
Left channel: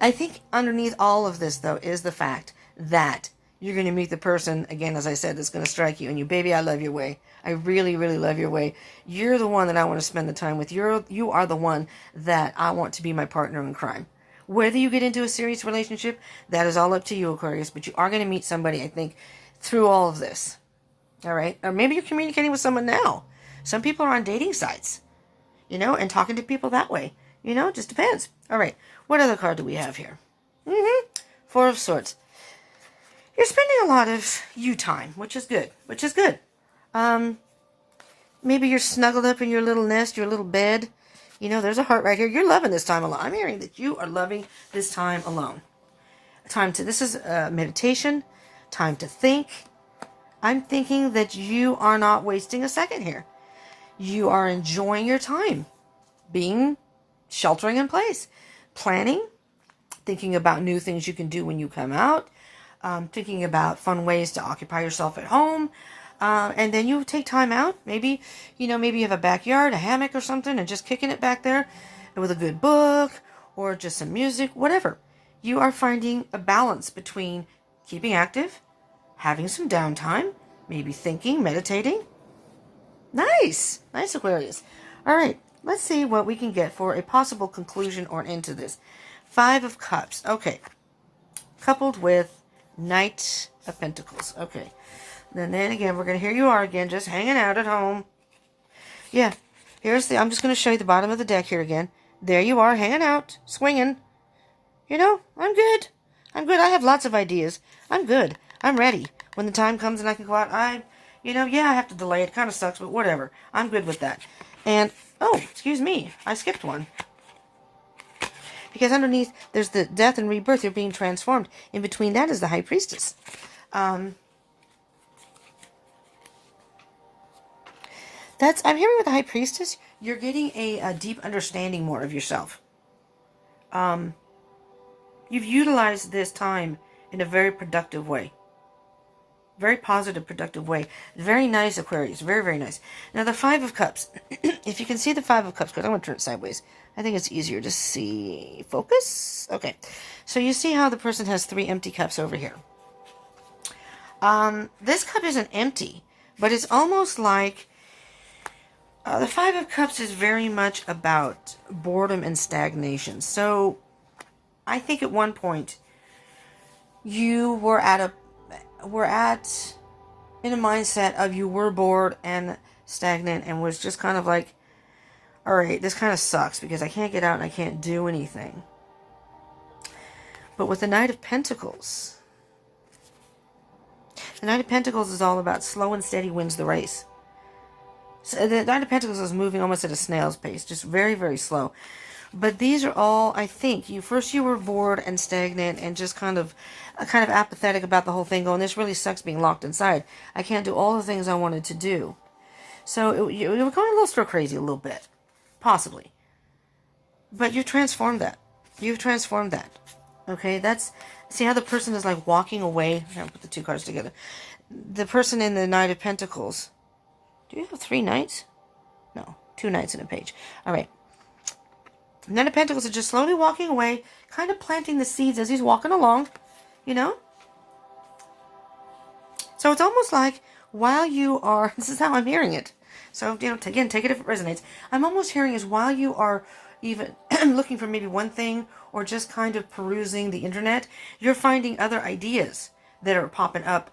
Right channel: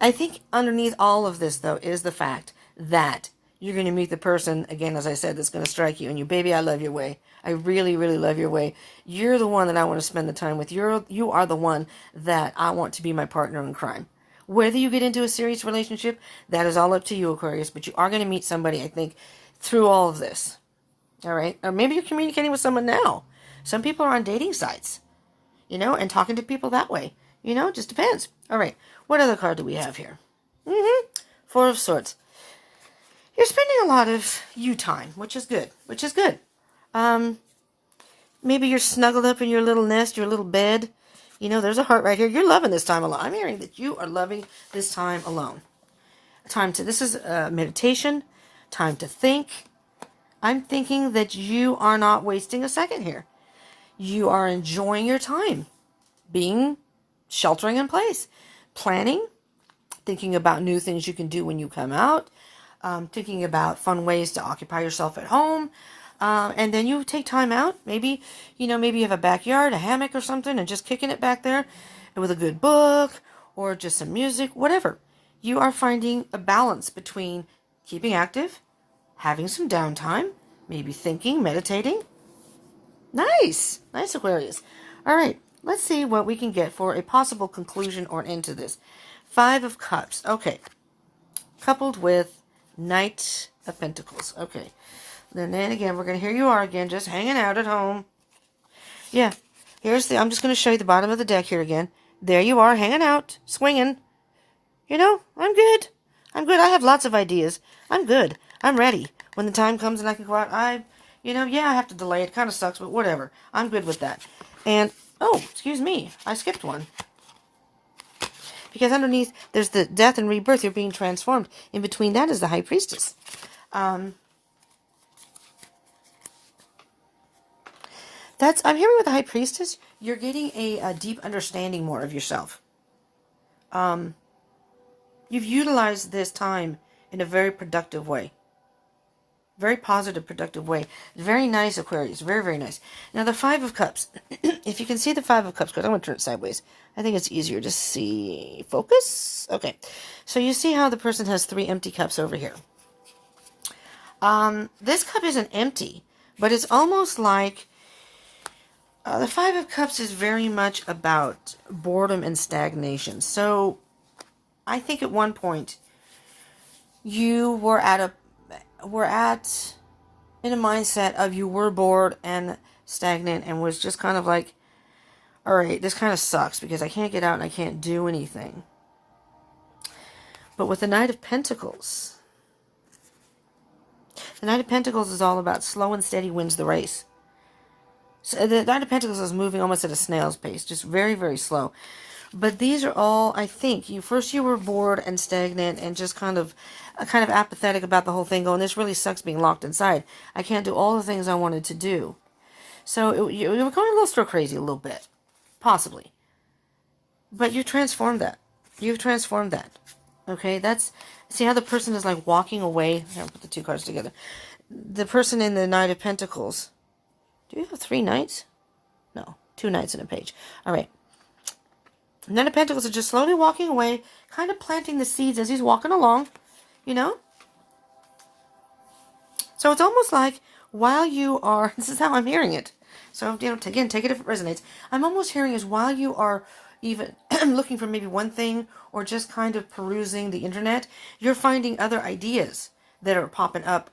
I think underneath all of this, though, is the fact that you're going to meet the person, again, as I said, that's going to strike you. And you, baby, I love your way. I really, really love your way. You're the one that I want to spend the time with. You are the one that I want to be my partner in crime. Whether you get into a serious relationship, that is all up to you, Aquarius. But you are going to meet somebody, I think, through all of this. All right? Or maybe you're communicating with someone now. Some people are on dating sites, you know, and talking to people that way. You know, it just depends. All right. What other card do we have here? Four of Swords. You're spending a lot of you time, which is good. Maybe you're snuggled up in your little nest, your little bed. You know, there's a heart right here. You're loving this time alone. I'm hearing that you are loving this time alone. This is meditation, time to think. I'm thinking that you are not wasting a second here. You are enjoying your time, sheltering in place, planning, thinking about new things you can do when you come out, thinking about fun ways to occupy yourself at home. And then you take time out. Maybe you have a backyard, a hammock or something, and just kicking it back there with a good book or just some music, whatever. You are finding a balance between keeping active, having some downtime, maybe thinking, meditating. Nice, Aquarius. All right, let's see what we can get for a possible conclusion or end to this. 5 of Cups. Okay. Coupled with Knight of Pentacles. Okay. And then again, we're going to, here you are again, just hanging out at home. Yeah. I'm just going to show you the bottom of the deck here again. There you are, hanging out, swinging. You know, I'm good. I have lots of ideas. I'm good. I'm ready. When the time comes and I can go out, I have to delay. It kind of sucks, but whatever. I'm good with that. And, oh, excuse me. I skipped one. Because underneath, there's the death and rebirth. You're being transformed. In between that is the High Priestess. I'm hearing with the High Priestess, you're getting a deep understanding more of yourself. You've utilized this time in a very productive way. Very positive, productive way. Very nice, Aquarius. Very, very nice. Now, the 5 of Cups. If you can see the 5 of Cups, because I'm going to turn it sideways. I think it's easier to see. Focus? Okay. So you see how the person has 3 empty cups over here. This cup isn't empty, but it's almost like the 5 of Cups is very much about boredom and stagnation. So I think at one point you were in a mindset of you were bored and stagnant and was just kind of like, all right, this kind of sucks because I can't get out and I can't do anything. But with the Knight of Pentacles, the Knight of Pentacles is all about slow and steady wins the race. So the Knight of Pentacles is moving almost at a snail's pace, just very, very slow. But these are all, I think, you were bored and stagnant and just kind of apathetic about the whole thing, going, this really sucks being locked inside. I can't do all the things I wanted to do. So you were going a little stir crazy a little bit, possibly. But you transformed that. You've transformed that. Okay, see how the person is like walking away. I'm going to put the two cards together. The person in the Knight of Pentacles. Do you have 3 knights? No, 2 knights in a page. All right. Knight of Pentacles are just slowly walking away, kind of planting the seeds as he's walking along, you know? So it's almost like while you are, this is how I'm hearing it. So, you know, again, take it if it resonates. I'm almost hearing is while you are even looking for maybe one thing or just kind of perusing the internet, you're finding other ideas that are popping up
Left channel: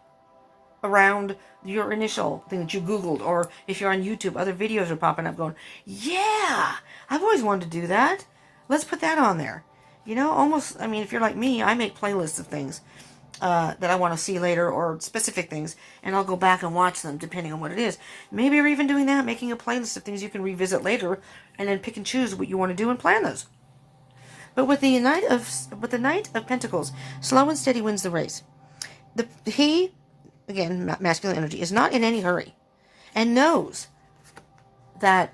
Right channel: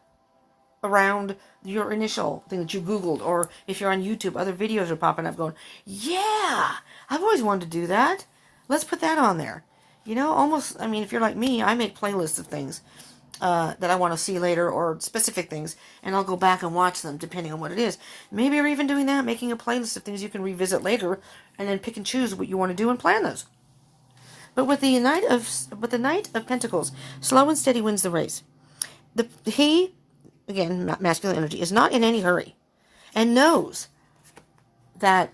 around your initial thing that you Googled, or if you're on YouTube, other videos are popping up going, yeah, I've always wanted to do that. Let's put that on there. You know, almost, I mean, if you're like me, I make playlists of things that I want to see later, or specific things, and I'll go back and watch them depending on what it is. Maybe you're even doing that, making a playlist of things you can revisit later, and then pick and choose what you want to do and plan those. But with the Knight of Pentacles, slow and steady wins the race. He, again, masculine energy, is not in any hurry, and knows that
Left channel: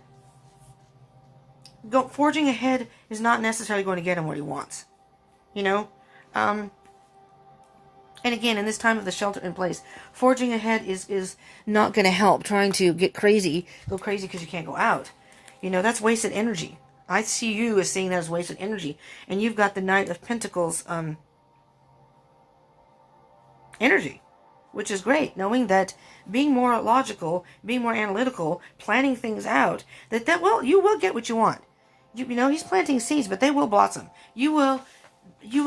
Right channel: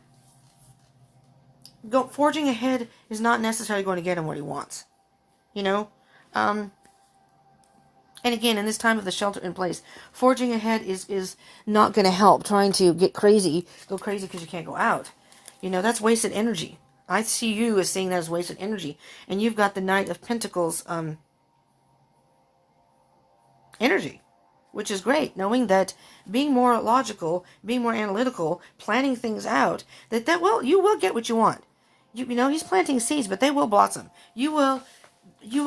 forging ahead is not necessarily going to get him what he wants. You know? And again, in this time of the shelter in place, forging ahead is not going to help. Trying to go crazy because you can't go out. You know, that's wasted energy. I see you as seeing that as wasted energy. And you've got the Knight of Pentacles energy, which is great, knowing that being more logical, being more analytical, planning things out, well, you will get what you want. You know, he's planting seeds, but they will blossom. You will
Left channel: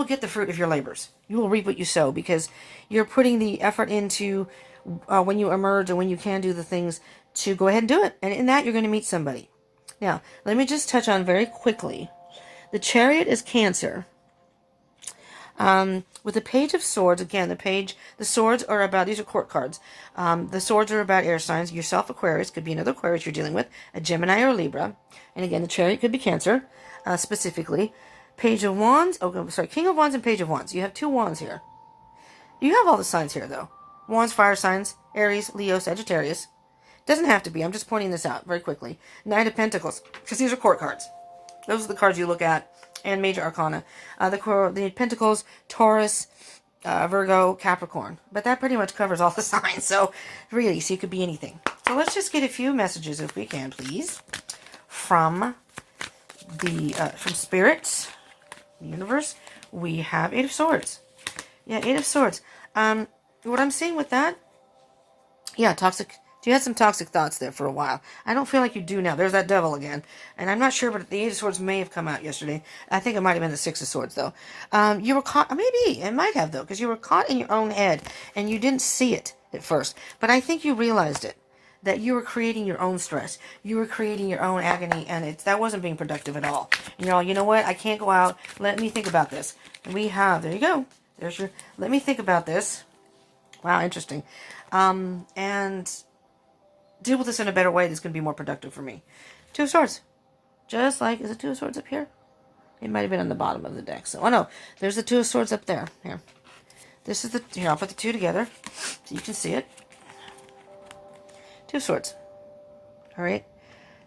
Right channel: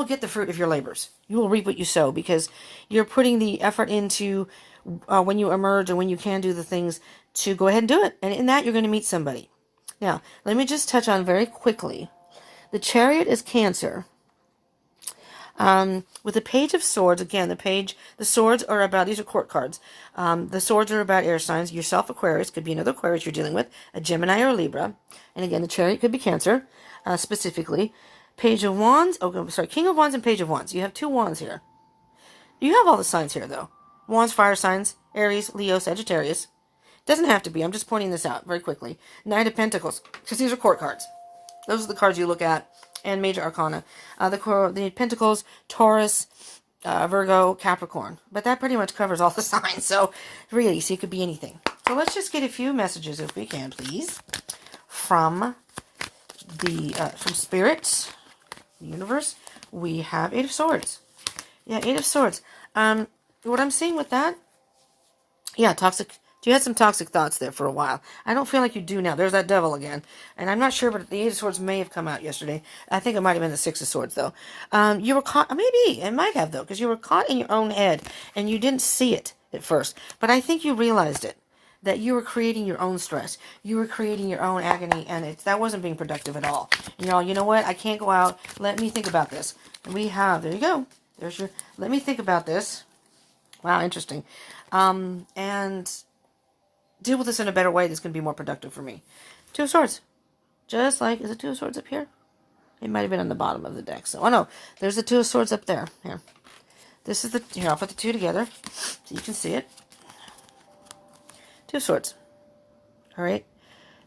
get the fruit of your labors. You will reap what you sow, because you're putting the effort into when you emerge and when you can do the things to go ahead and do it. And in that, you're going to meet somebody. Now, let me just touch on very quickly. The Chariot is Cancer. With the Page of Swords, again, the swords are about, these are court cards. The swords are about air signs. Yourself, Aquarius, could be another Aquarius you're dealing with, a Gemini or a Libra. And again, the Chariot could be Cancer, specifically. Page of Wands, King of Wands and Page of Wands. You have 2 wands here. You have all the signs here, though. Wands, fire signs, Aries, Leo, Sagittarius. Doesn't have to be. I'm just pointing this out very quickly. Knight of Pentacles, because these are court cards. Those are the cards you look at, and major arcana. The Pentacles, Taurus, Virgo, Capricorn. But that pretty much covers all the signs. So really, so it could be anything. So let's just get a few messages, if we can, please, from Spirit, the universe. We have 8 of Swords. Yeah, 8 of Swords. What I'm seeing with that, yeah, toxic. You had some toxic thoughts there for a while. I don't feel like you do now. There's that devil again. And I'm not sure, but the 8 of Swords may have come out yesterday. I think it might have been the 6 of Swords, though. You were caught, maybe, it might have, though, because you were caught in your own head, and you didn't see it at first. But I think you realized it, that you were creating your own stress. You were creating your own agony, and that wasn't being productive at all. You know what? I can't go out. Let me think about this. There you go. Let me think about this. Wow, interesting. And deal with this in a better way that's going to be more productive for me. 2 of Swords. Just like, is it 2 of Swords up here? It might have been on the bottom of the deck. So, oh no, there's the 2 of Swords up there. Here. Here, I'll put the 2 together so you can see it. 2 of Swords. Alright.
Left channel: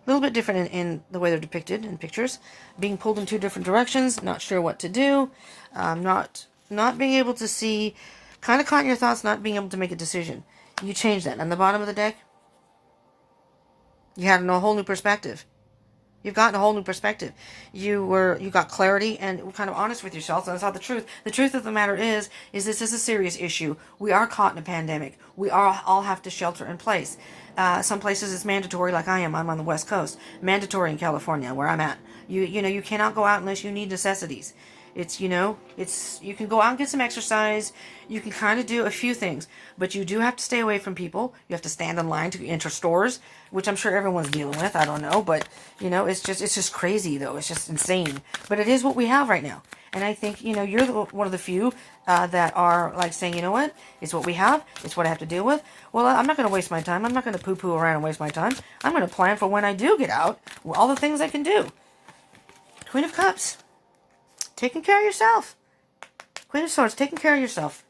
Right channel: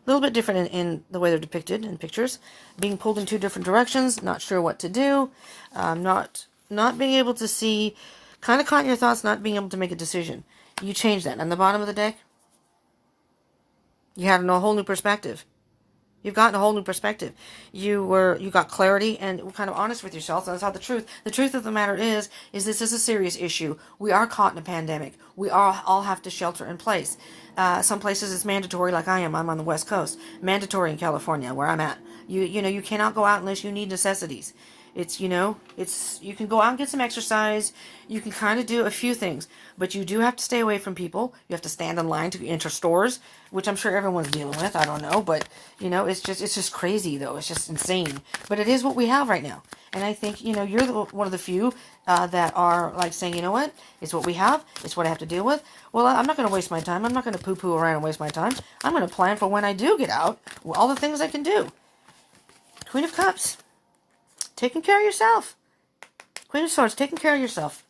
A little bit different in the way they're depicted in pictures. Being pulled in 2 different directions. Not sure what to do. Not being able to see. Kind of caught in your thoughts, not being able to make a decision. You change that. On the bottom of the deck, you had a whole new perspective. You've gotten a whole new perspective. You got clarity and were kind of honest with yourself. And that's how the truth of the matter is this is a serious issue. We are caught in a pandemic. We all have to shelter in place. Some places it's mandatory, like I am. I'm on the West Coast. Mandatory in California, where I'm at. You cannot go out unless you need necessities. You can go out and get some exercise. You can kind of do a few things, but you do have to stay away from people. You have to stand in line to enter stores, which I'm sure everyone's dealing with. I don't know, but it's just crazy though. It's just insane, but it is what we have right now. And I think, you're one of the few that are like saying, you know what, it's what we have. It's what I have to deal with. Well, I'm not going to waste my time. I'm not going to poo-poo around and waste my time. I'm going to plan for when I do get out, all the things I can do. Queen of Cups. Taking care of yourself. Queen of Swords. Taking care of yourself.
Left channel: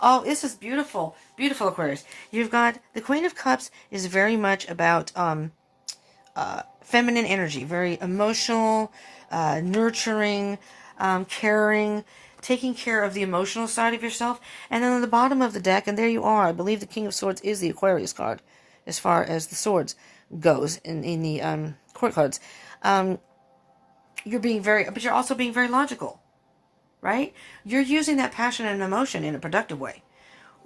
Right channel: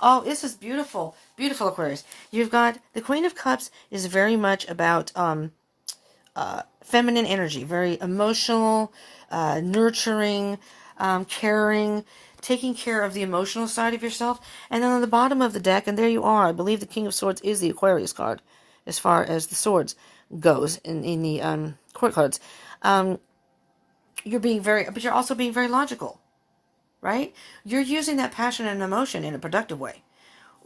Oh, this is beautiful. Beautiful, Aquarius. You've got the Queen of Cups is very much about feminine energy. Very emotional, nurturing, caring, taking care of the emotional side of yourself. And then on the bottom of the deck, and there you are. I believe the King of Swords is the Aquarius card as far as the swords goes in the court cards. You're being but you're also being very logical, right? You're using that passion and emotion in a productive way.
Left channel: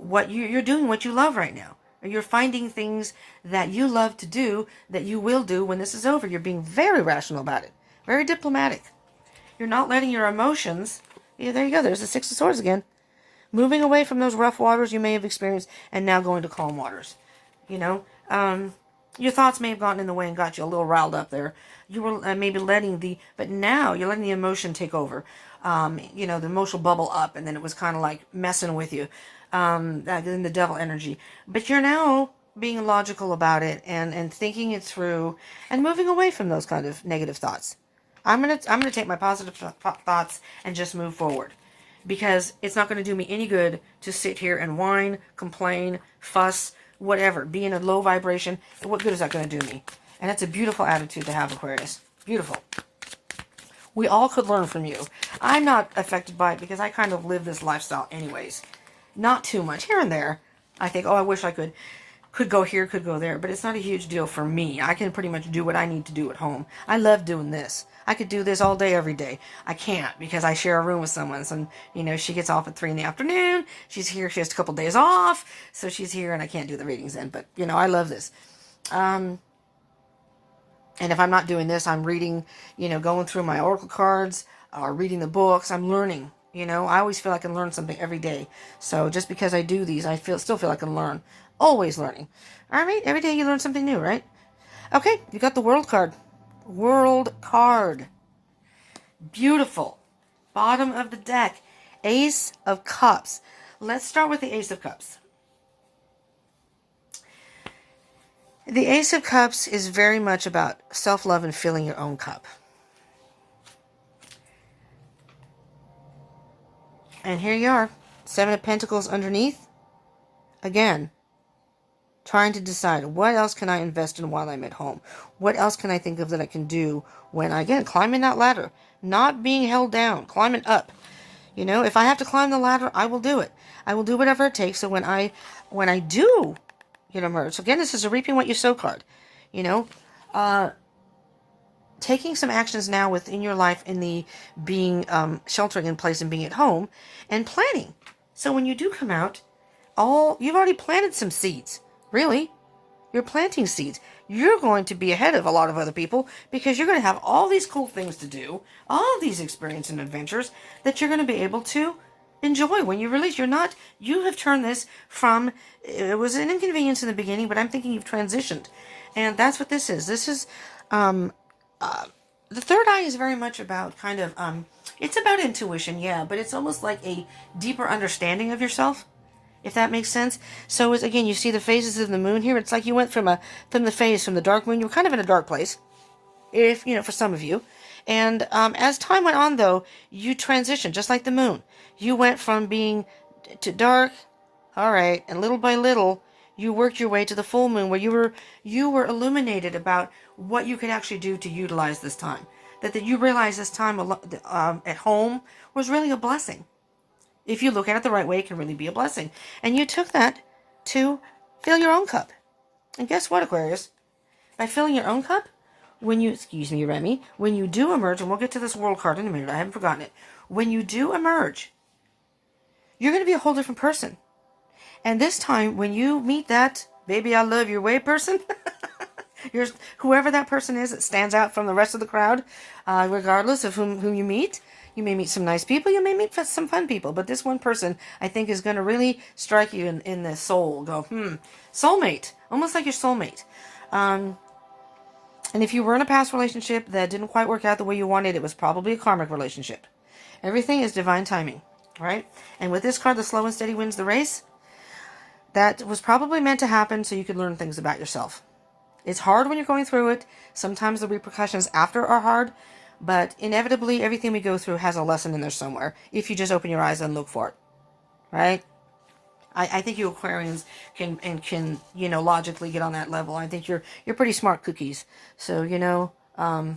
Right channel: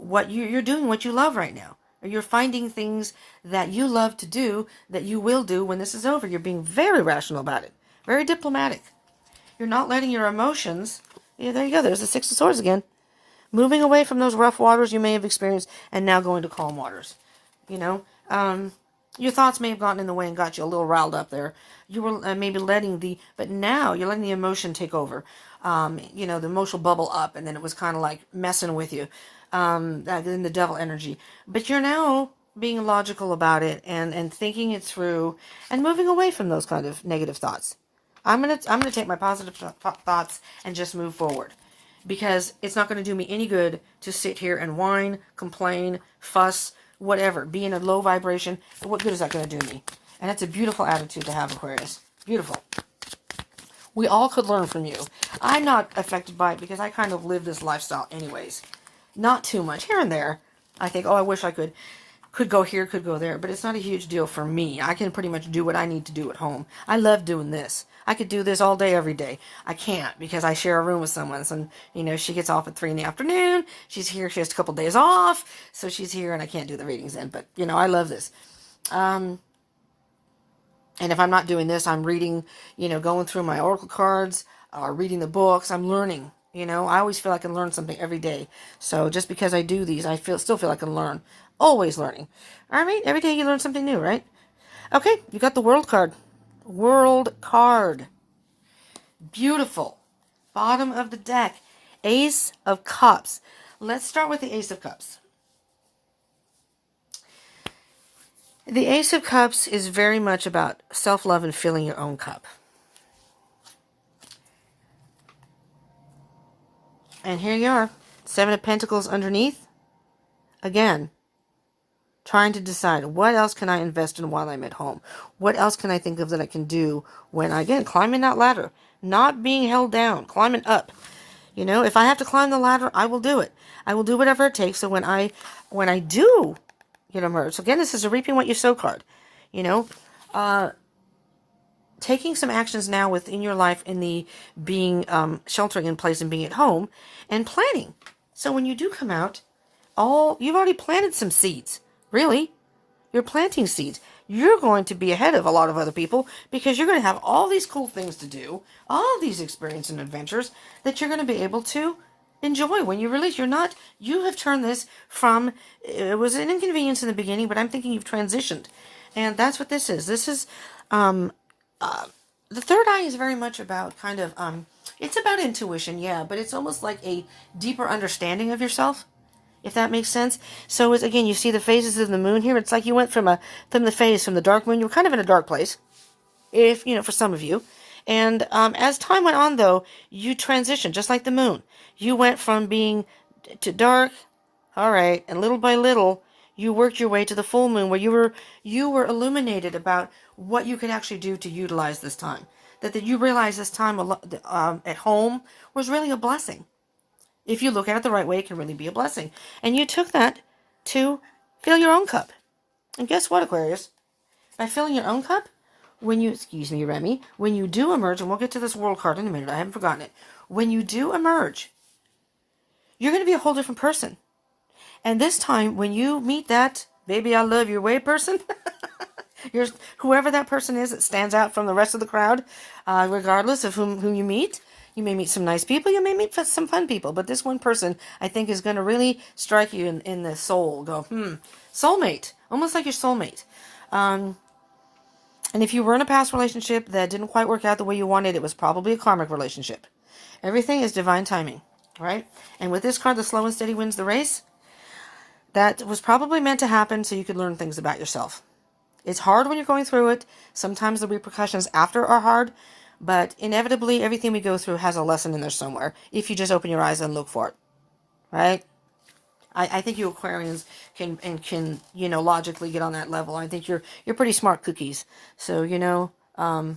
You're doing what you love right now. Or you're finding things that you love to do that you will do when this is over. You're being very rational about it. Very diplomatic. You're not letting your emotions... Yeah, there you go. There's the Six of Swords again. Moving away from those rough waters you may have experienced and now going to calm waters. You know, your thoughts may have gotten in the way and got you a little riled up there. You were maybe but now you're letting the emotion take over. You know, the emotional bubble up, and then it was kind of like messing with you. In the devil energy. But you're now being logical about it and thinking it through and moving away from those kind of negative thoughts. I'm gonna take my positive thoughts and just move forward, because it's not going to do me any good to sit here and whine, complain, fuss, whatever, be in a low vibration. What good is that going to do me? And that's a beautiful attitude to have, Aquarius. Beautiful. We all could learn from you. I'm not affected by it because I kind of live this lifestyle anyways. Not too much. Here and there, I think, oh, I wish I could go here, could go there. But it's not a huge deal for me. I can pretty much do what I need to do at home. I love doing this. I could do this all day, every day. I can't because I share a room with someone. So, you know, she gets off at 3 in the afternoon. She's here. She has a couple days off. So she's here and I can't do the readings then. But, you know, I love this. And if I'm not doing this, I'm reading, you know, going through my oracle cards or reading the books. I'm learning. You know, I always feel I can learn something every day. So just because I do these, I still feel I can learn. Always learning. All right? Every day you learn something new, right? Okay, you got the World card. World card. Beautiful. Bottom of the deck. Ace of Cups. Let's start with the Ace of Cups. The Ace of Cups is very much about self-love and filling your own cup. And here you are. 7 of Pentacles underneath. Again, trying to decide what else can I invest in while I'm at home? What else can I think of that I can do when I, again, climbing that ladder? Not being held down, climbing up. You know, if I have to climb the ladder, I will do it. I will do whatever it takes. So when I do get emerge. So again, this is a reaping what you sow card. You know, taking some actions now within your life in the being sheltering in place and being at home and planning. So when you do come out, you've already planted some seeds. Really, you're planting seeds. You're going to be ahead of a lot of other people because you're going to have all these cool things to do, all these experiences and adventures that you're going to be able to enjoy when you release. You have turned this from, it was an inconvenience in the beginning, but I'm thinking you've transitioned. And that's what this is. This is, the third eye is very much about kind of, it's about intuition, yeah, but it's almost like a deeper understanding of yourself, if that makes sense. So it's, again, you see the phases of the moon here. It's like you went from the dark moon. You were kind of in a dark place, if, you know, for some of you. And as time went on, though, you transitioned, just like the moon. You went from being to dark, all right, and little by little, you worked your way to the full moon, where you were illuminated about what you could actually do to utilize this time. That you realized this time at home was really a blessing. If you look at it the right way, it can really be a blessing. And you took that to fill your own cup. And guess what, Aquarius? By filling your own cup, excuse me, Remy, when you do emerge, and we'll get to this World card in a minute, I haven't forgotten it. When you do emerge, you're going to be a whole different person. And this time, when you meet that baby I love your way person, whoever that person is that stands out from the rest of the crowd, regardless of whom you meet, you may meet some nice people, you may meet some fun people, but this one person, I think, is going to really strike you in the soul. Go, soulmate, almost like your soulmate. And if you were in a past relationship that didn't quite work out the way you wanted, it was probably a karmic relationship. Everything is divine timing, right? And with this card, the slow and steady wins the race. That was probably meant to happen so you could learn things about yourself. It's hard when you're going through it. Sometimes the repercussions after are hard, but inevitably everything we go through has a lesson in there somewhere if you just open your eyes and look for it, right? I think you Aquarians can logically get on that level. I think you're pretty smart cookies. So again, all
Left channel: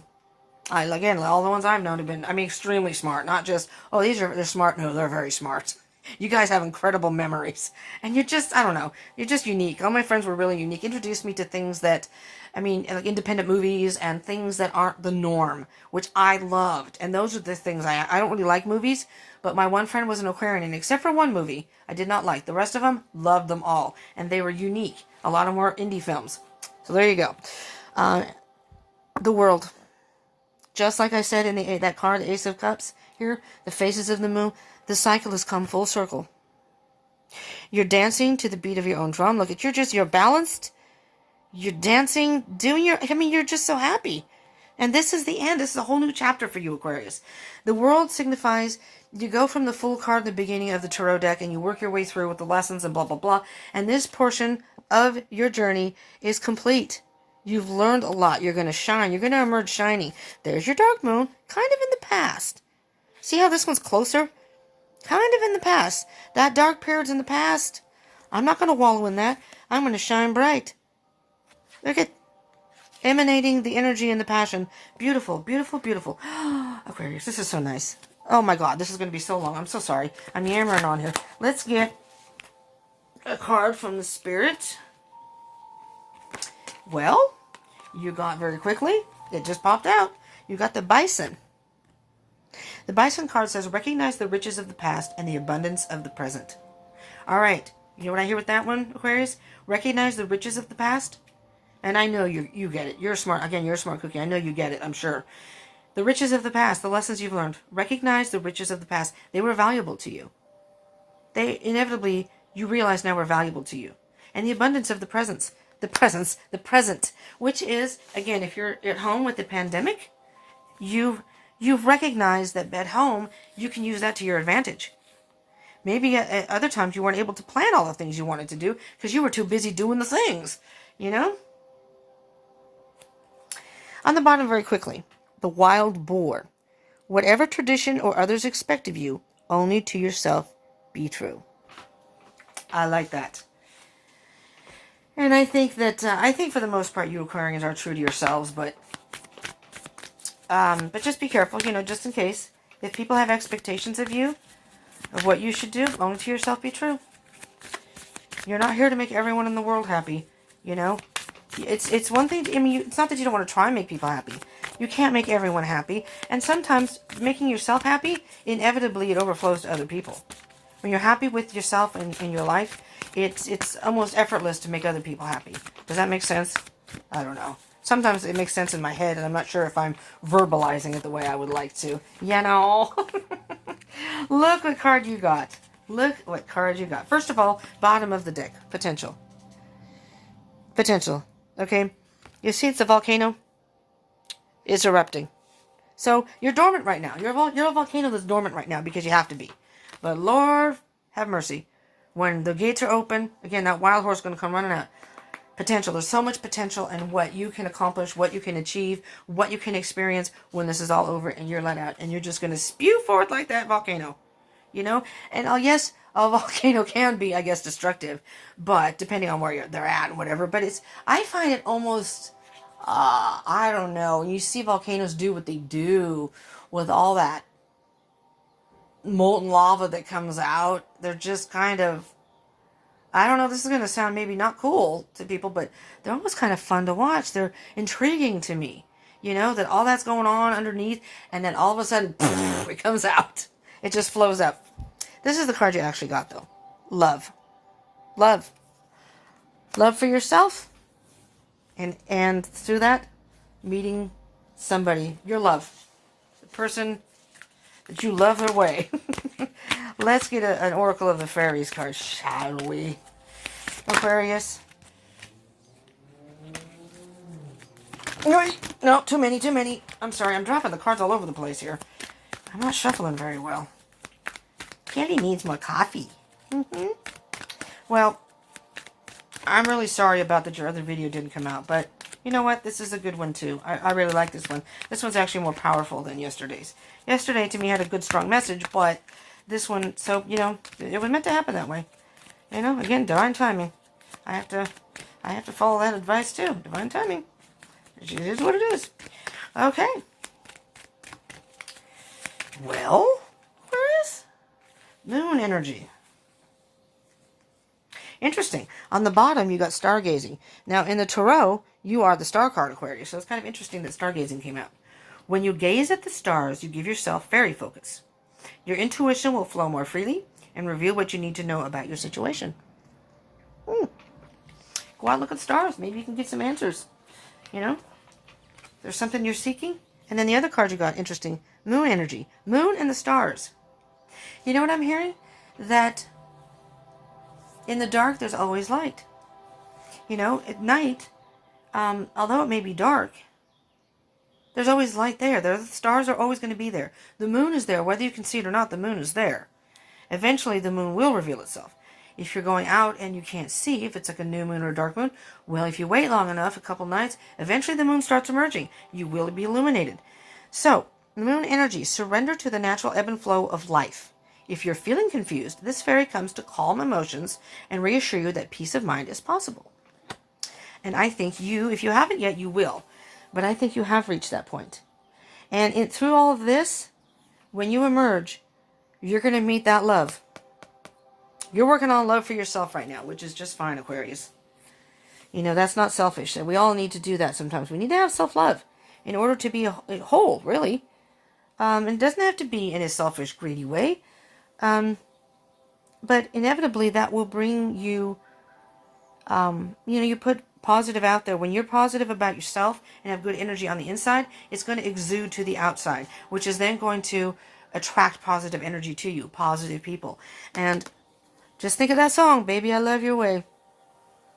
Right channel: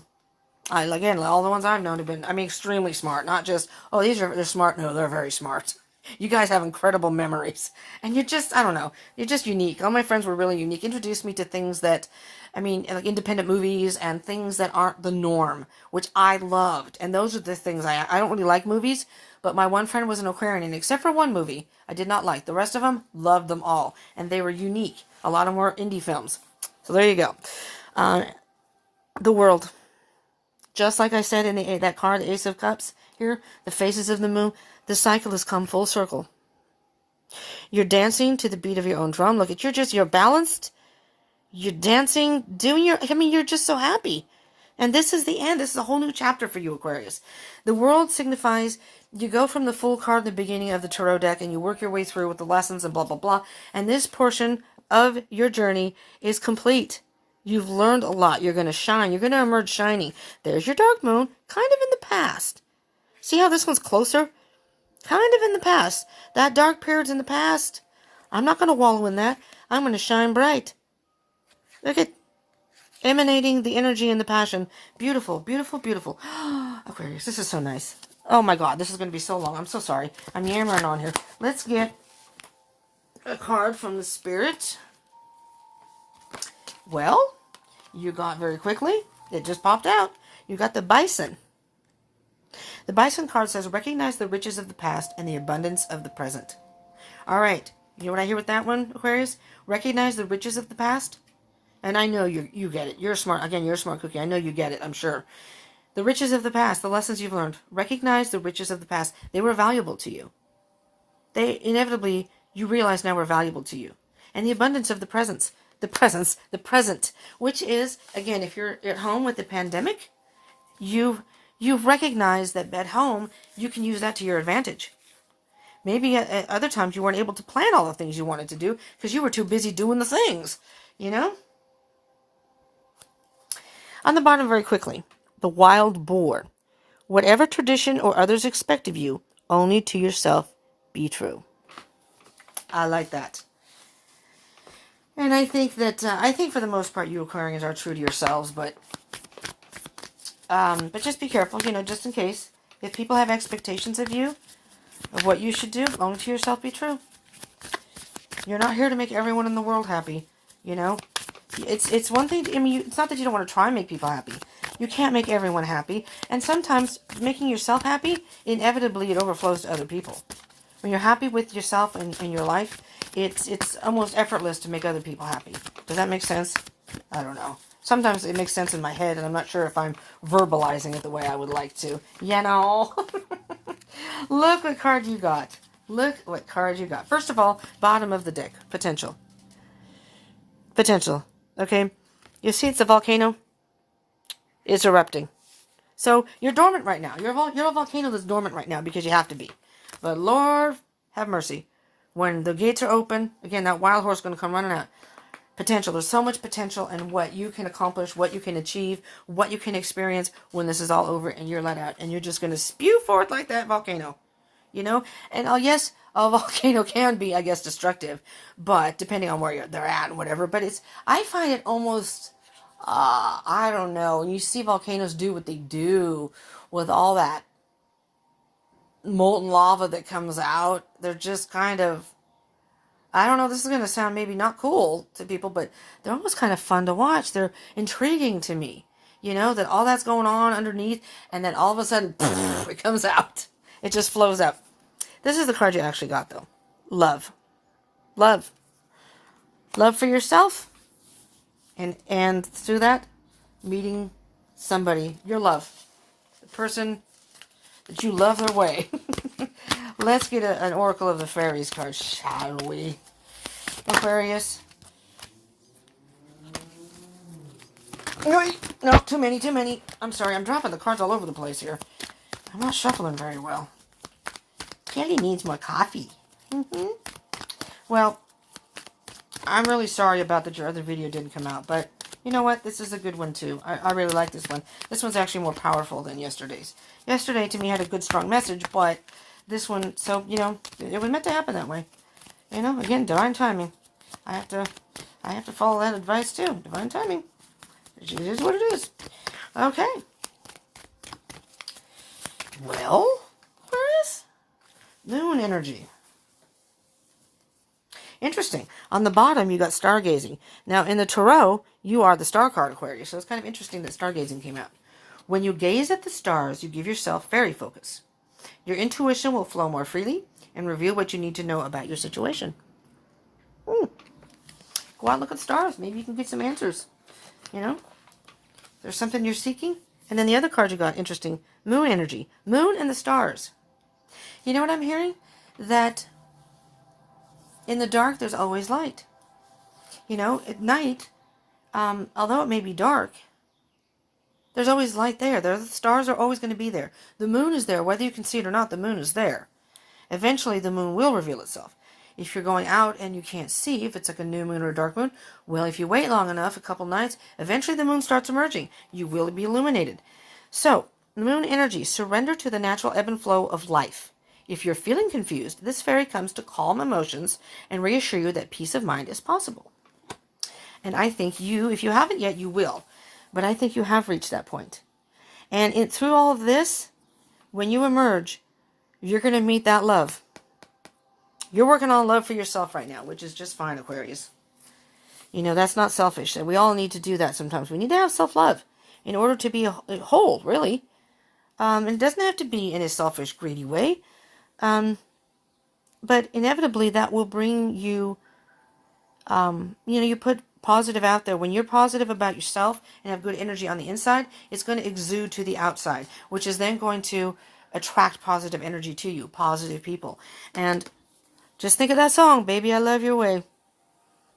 the ones I've known have been, extremely smart. Not just, oh, they're smart. No, they're very smart. You guys have incredible memories. And you're just, I don't know, you're just unique. All my friends were really unique. Introduced me to things that, like independent movies and things that aren't the norm, which I loved. And those are the things I don't really like movies, but my one friend was an Aquarian, and except for one movie I did not like. The rest of them, loved them all. And they were unique. A lot of them were indie films. So there you go. The world. Just like I said in that card, the Ace of Cups, here, the phases of the moon, the cycle has come full circle. You're dancing to the beat of your own drum. Look, you're balanced. You're dancing, you're just so happy. And this is the end. This is a whole new chapter for you, Aquarius. The world signifies you go from the full card in the beginning of the tarot deck and you work your way through with the lessons and blah, blah, blah. And this portion of your journey is complete. You've learned a lot. You're going to shine. You're going to emerge shining. There's your dark moon, kind of in the past. See how this one's closer? Kind of in the past. That dark period's in the past. I'm not going to wallow in that. I'm going to shine bright. Look at emanating the energy and the passion. Beautiful, beautiful, beautiful. Aquarius, this is so nice. Oh my God, this is going to be so long. I'm so sorry. I'm yammering on here. Let's get a card from the Spirit. Well, you got very quickly. It just popped out. You got the Bison. The Bison card says, recognize the riches of the past and the abundance of the present. All right. You know what I hear with that one, Aquarius? Recognize the riches of the past. And I know you get it. You're smart. Again, you're a smart cookie. I know you get it, I'm sure. The riches of the past, the lessons you've learned. Recognize the riches of the past. They were valuable to you. They inevitably, you realize now, were valuable to you. And the abundance of the present, which is, again, if you're at home with the pandemic, you've recognized that at home, you can use that to your advantage. Maybe at other times you weren't able to plan all the things you wanted to do because you were too busy doing the things, On the bottom, very quickly, the wild boar. Whatever tradition or others expect of you, only to yourself be true. I like that. And I think that, for the most part, you Aquarians are true to yourselves, but just be careful, just in case. If people have expectations of you, of what you should do, only to yourself be true. You're not here to make everyone in the world happy, It's one thing, it's not that you don't want to try and make people happy. You can't make everyone happy. And sometimes making yourself happy, inevitably it overflows to other people. When you're happy with yourself and your life, it's almost effortless to make other people happy. Does that make sense? I don't know. Sometimes it makes sense in my head, and I'm not sure if I'm verbalizing it the way I would like to. Look what card you got. Look what card you got. First of all, bottom of the deck. Potential. Potential. Okay? You see it's a volcano? It's erupting. So, you're dormant right now. You're a volcano that's dormant right now because you have to be. But Lord, have mercy. When the gates are open, again, that wild horse is going to come running out. Potential. There's so much potential in what you can accomplish, what you can achieve, what you can experience when this is all over and you're let out. And you're just going to spew forth like that volcano. And yes, a volcano can be, I guess, destructive. But depending on where they're at and whatever. But I find it almost, I don't know. When you see volcanoes do what they do with all that molten lava that comes out, they're just kind of, I don't know, this is going to sound maybe not cool to people, but they're almost kind of fun to watch. They're intriguing to me, that all that's going on underneath, and then all of a sudden, it comes out. It just flows up. This is the card you actually got, though. Love. Love. Love for yourself, and through that, meeting somebody, your love. The person that you love their way. Let's get an Oracle of the Fairies card, shall we? Aquarius. Wait, no, too many. I'm sorry, I'm dropping the cards all over the place here. I'm not shuffling very well. Kelly needs more coffee. Well, I'm really sorry about that your other video didn't come out, but You know what? This is a good one, too. I really like this one. This one's actually more powerful than yesterday's. Yesterday, to me, had a good, strong message, but this one, so, you know, it was meant to happen that way. You know, again, divine timing. I have to follow that advice, too. Divine timing. It is what it is. Okay. Well, where is moon energy? Interesting. On the bottom, you got stargazing. Now, in the tarot, you are the star card, Aquarius. So it's kind of interesting that stargazing came out. When you gaze at the stars, you give yourself fairy focus. Your intuition will flow more freely and reveal what you need to know about your situation. Go out and look at the stars. Maybe you can get some answers. You know? There's something you're seeking. And then the other card you got, interesting. Moon energy. Moon and the stars. You know what I'm hearing? That in the dark, there's always light. You know, at night, although it may be dark, there's always light there. The stars are always going to be there. The moon is there. Whether you can see it or not, the moon is there. Eventually, the moon will reveal itself. If you're going out and you can't see, if it's like a new moon or a dark moon, well, if you wait long enough, a couple nights, eventually the moon starts emerging. You will be illuminated. So, moon energy, surrender to the natural ebb and flow of life. If you're feeling confused, this fairy comes to calm emotions and reassure you that peace of mind is possible. And I think you, if you haven't yet, you will. But I think you have reached that point. And through all of this, when you emerge, you're going to meet that love. You're working on love for yourself right now, which is just fine, Aquarius. You know, that's not selfish. We all need to do that sometimes. We need to have self-love in order to be whole, really. And it doesn't have to be in a selfish, greedy way. But inevitably that will bring you, you put positive out there. When you're positive about yourself and have good energy on the inside, it's going to exude to the outside, which is then going to attract positive energy to you, positive people. And just think of that song, Baby, I Love Your Way.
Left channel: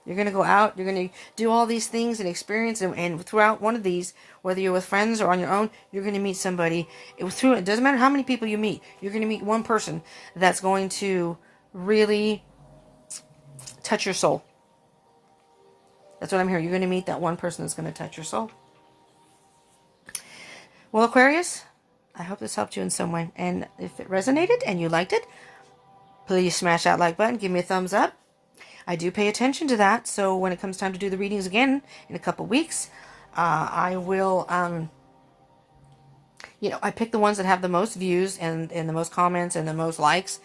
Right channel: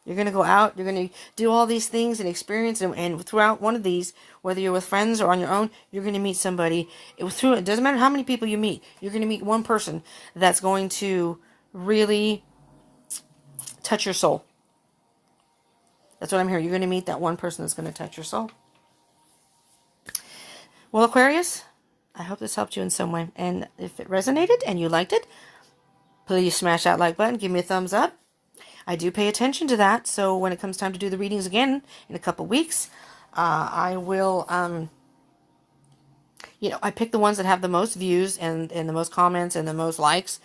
You're going to go out, you're going to do all these things and experience, and throughout one of these, whether you're with friends or on your own, you're going to meet somebody. It doesn't matter how many people you meet. You're going to meet one person that's going to really touch your soul. That's what I'm hearing. You're going to meet that one person that's going to touch your soul. Well, Aquarius, I hope this helped you in some way. And if it resonated and you liked it, please smash that like button. Give me a thumbs up. I do pay attention to that, so when it comes time to do the readings again in a couple weeks, I will, I pick the ones that have the most views and the most comments and the most likes,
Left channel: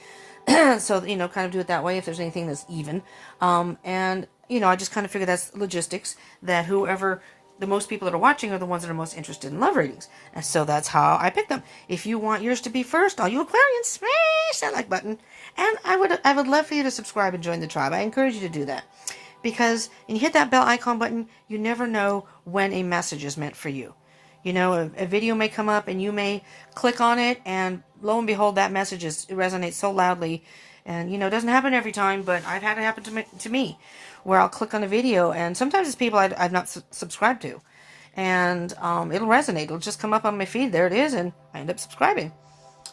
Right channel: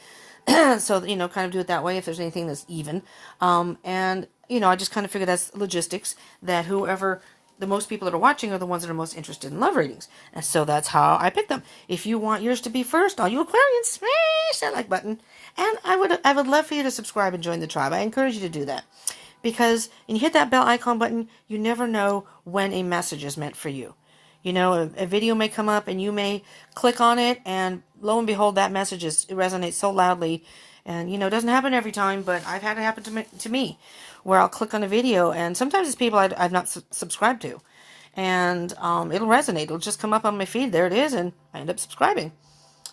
so, kind of do it that way if there's anything that's even, and, I just kind of figure that's logistics, that whoever, the most people that are watching are the ones that are most interested in love readings, and so that's how I pick them. If you want yours to be first, all you Aquarians, smash that like button. And I would love for you to subscribe and join the tribe. I encourage you to do that. Because when you hit that bell icon button, you never know when a message is meant for you. A video may come up and you may click on it, and lo and behold, that message it resonates so loudly. And, it doesn't happen every time, but I've had it happen to me, where I'll click on a video, and sometimes it's people I've not subscribed to. And it'll resonate. It'll just come up on my feed. There it is, and I end up subscribing.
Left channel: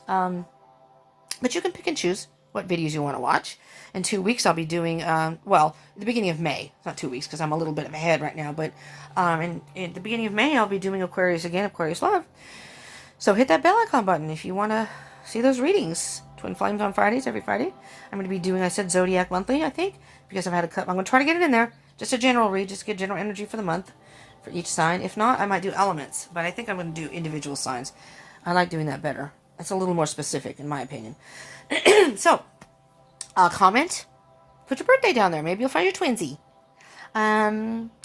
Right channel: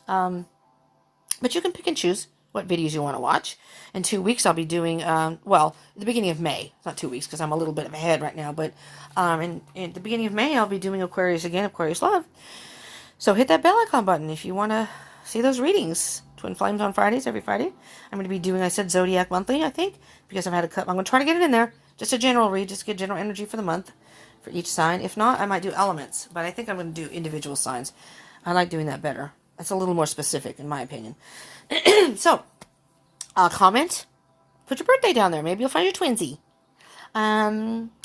But you can pick and choose what videos you want to watch. In 2 weeks, I'll be doing, the beginning of May. It's not 2 weeks, because I'm a little bit ahead right now, but in the beginning of May, I'll be doing Aquarius again, Aquarius Love. So hit that bell icon button if you want to see those readings. Twin Flames on Fridays, every Friday. I'm going to be doing, I said Zodiac Monthly, I think, because I've had a cut. I'm going to try to get it in there. Just a general read, just get general energy for the month, for each sign. If not, I might do elements, but I think I'm going to do individual signs. I like doing that better. That's a little more specific, in my opinion. So, comment, put your birthday down there. Maybe you'll find your twinsy.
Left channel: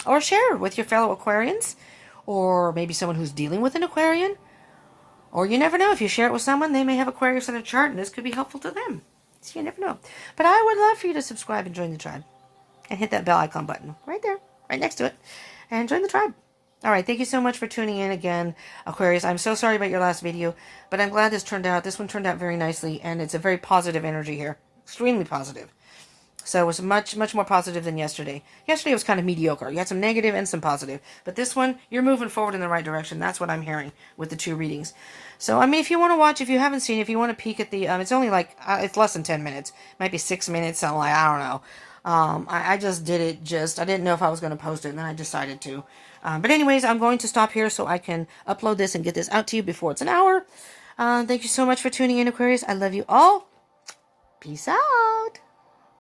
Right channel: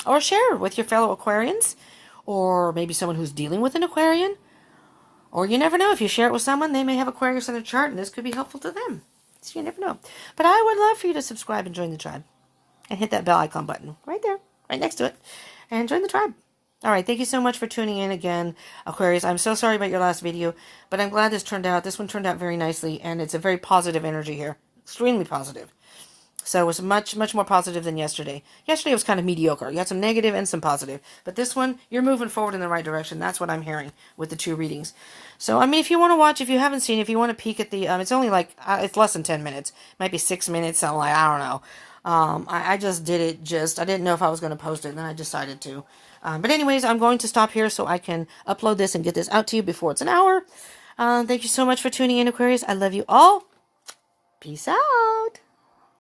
Or share with your fellow Aquarians, or maybe someone who's dealing with an Aquarian. Or you never know, if you share it with someone, they may have Aquarius in a chart, and this could be helpful to them. So you never know. But I would love for you to subscribe and join the tribe. And hit that bell icon button right there, right next to it. And join the tribe. All right, thank you so much for tuning in again, Aquarius. I'm so sorry about your last video, but I'm glad this turned out. This one turned out very nicely, and it's a very positive energy here. Extremely positive. So it was much, much more positive than yesterday. Yesterday was kind of mediocre. You had some negative and some positive. But this one, you're moving forward in the right direction. That's what I'm hearing with the 2 readings. So, if you want to watch, if you haven't seen it, if you want to peek at the, it's only like, it's less than 10 minutes. It might be 6 minutes. I don't know. I just did it I didn't know if I was going to post it, and then I decided to. But anyways, I'm going to stop here so I can upload this and get this out to you before it's an hour. Thank you so much for tuning in, Aquarius. I love you all. Peace out.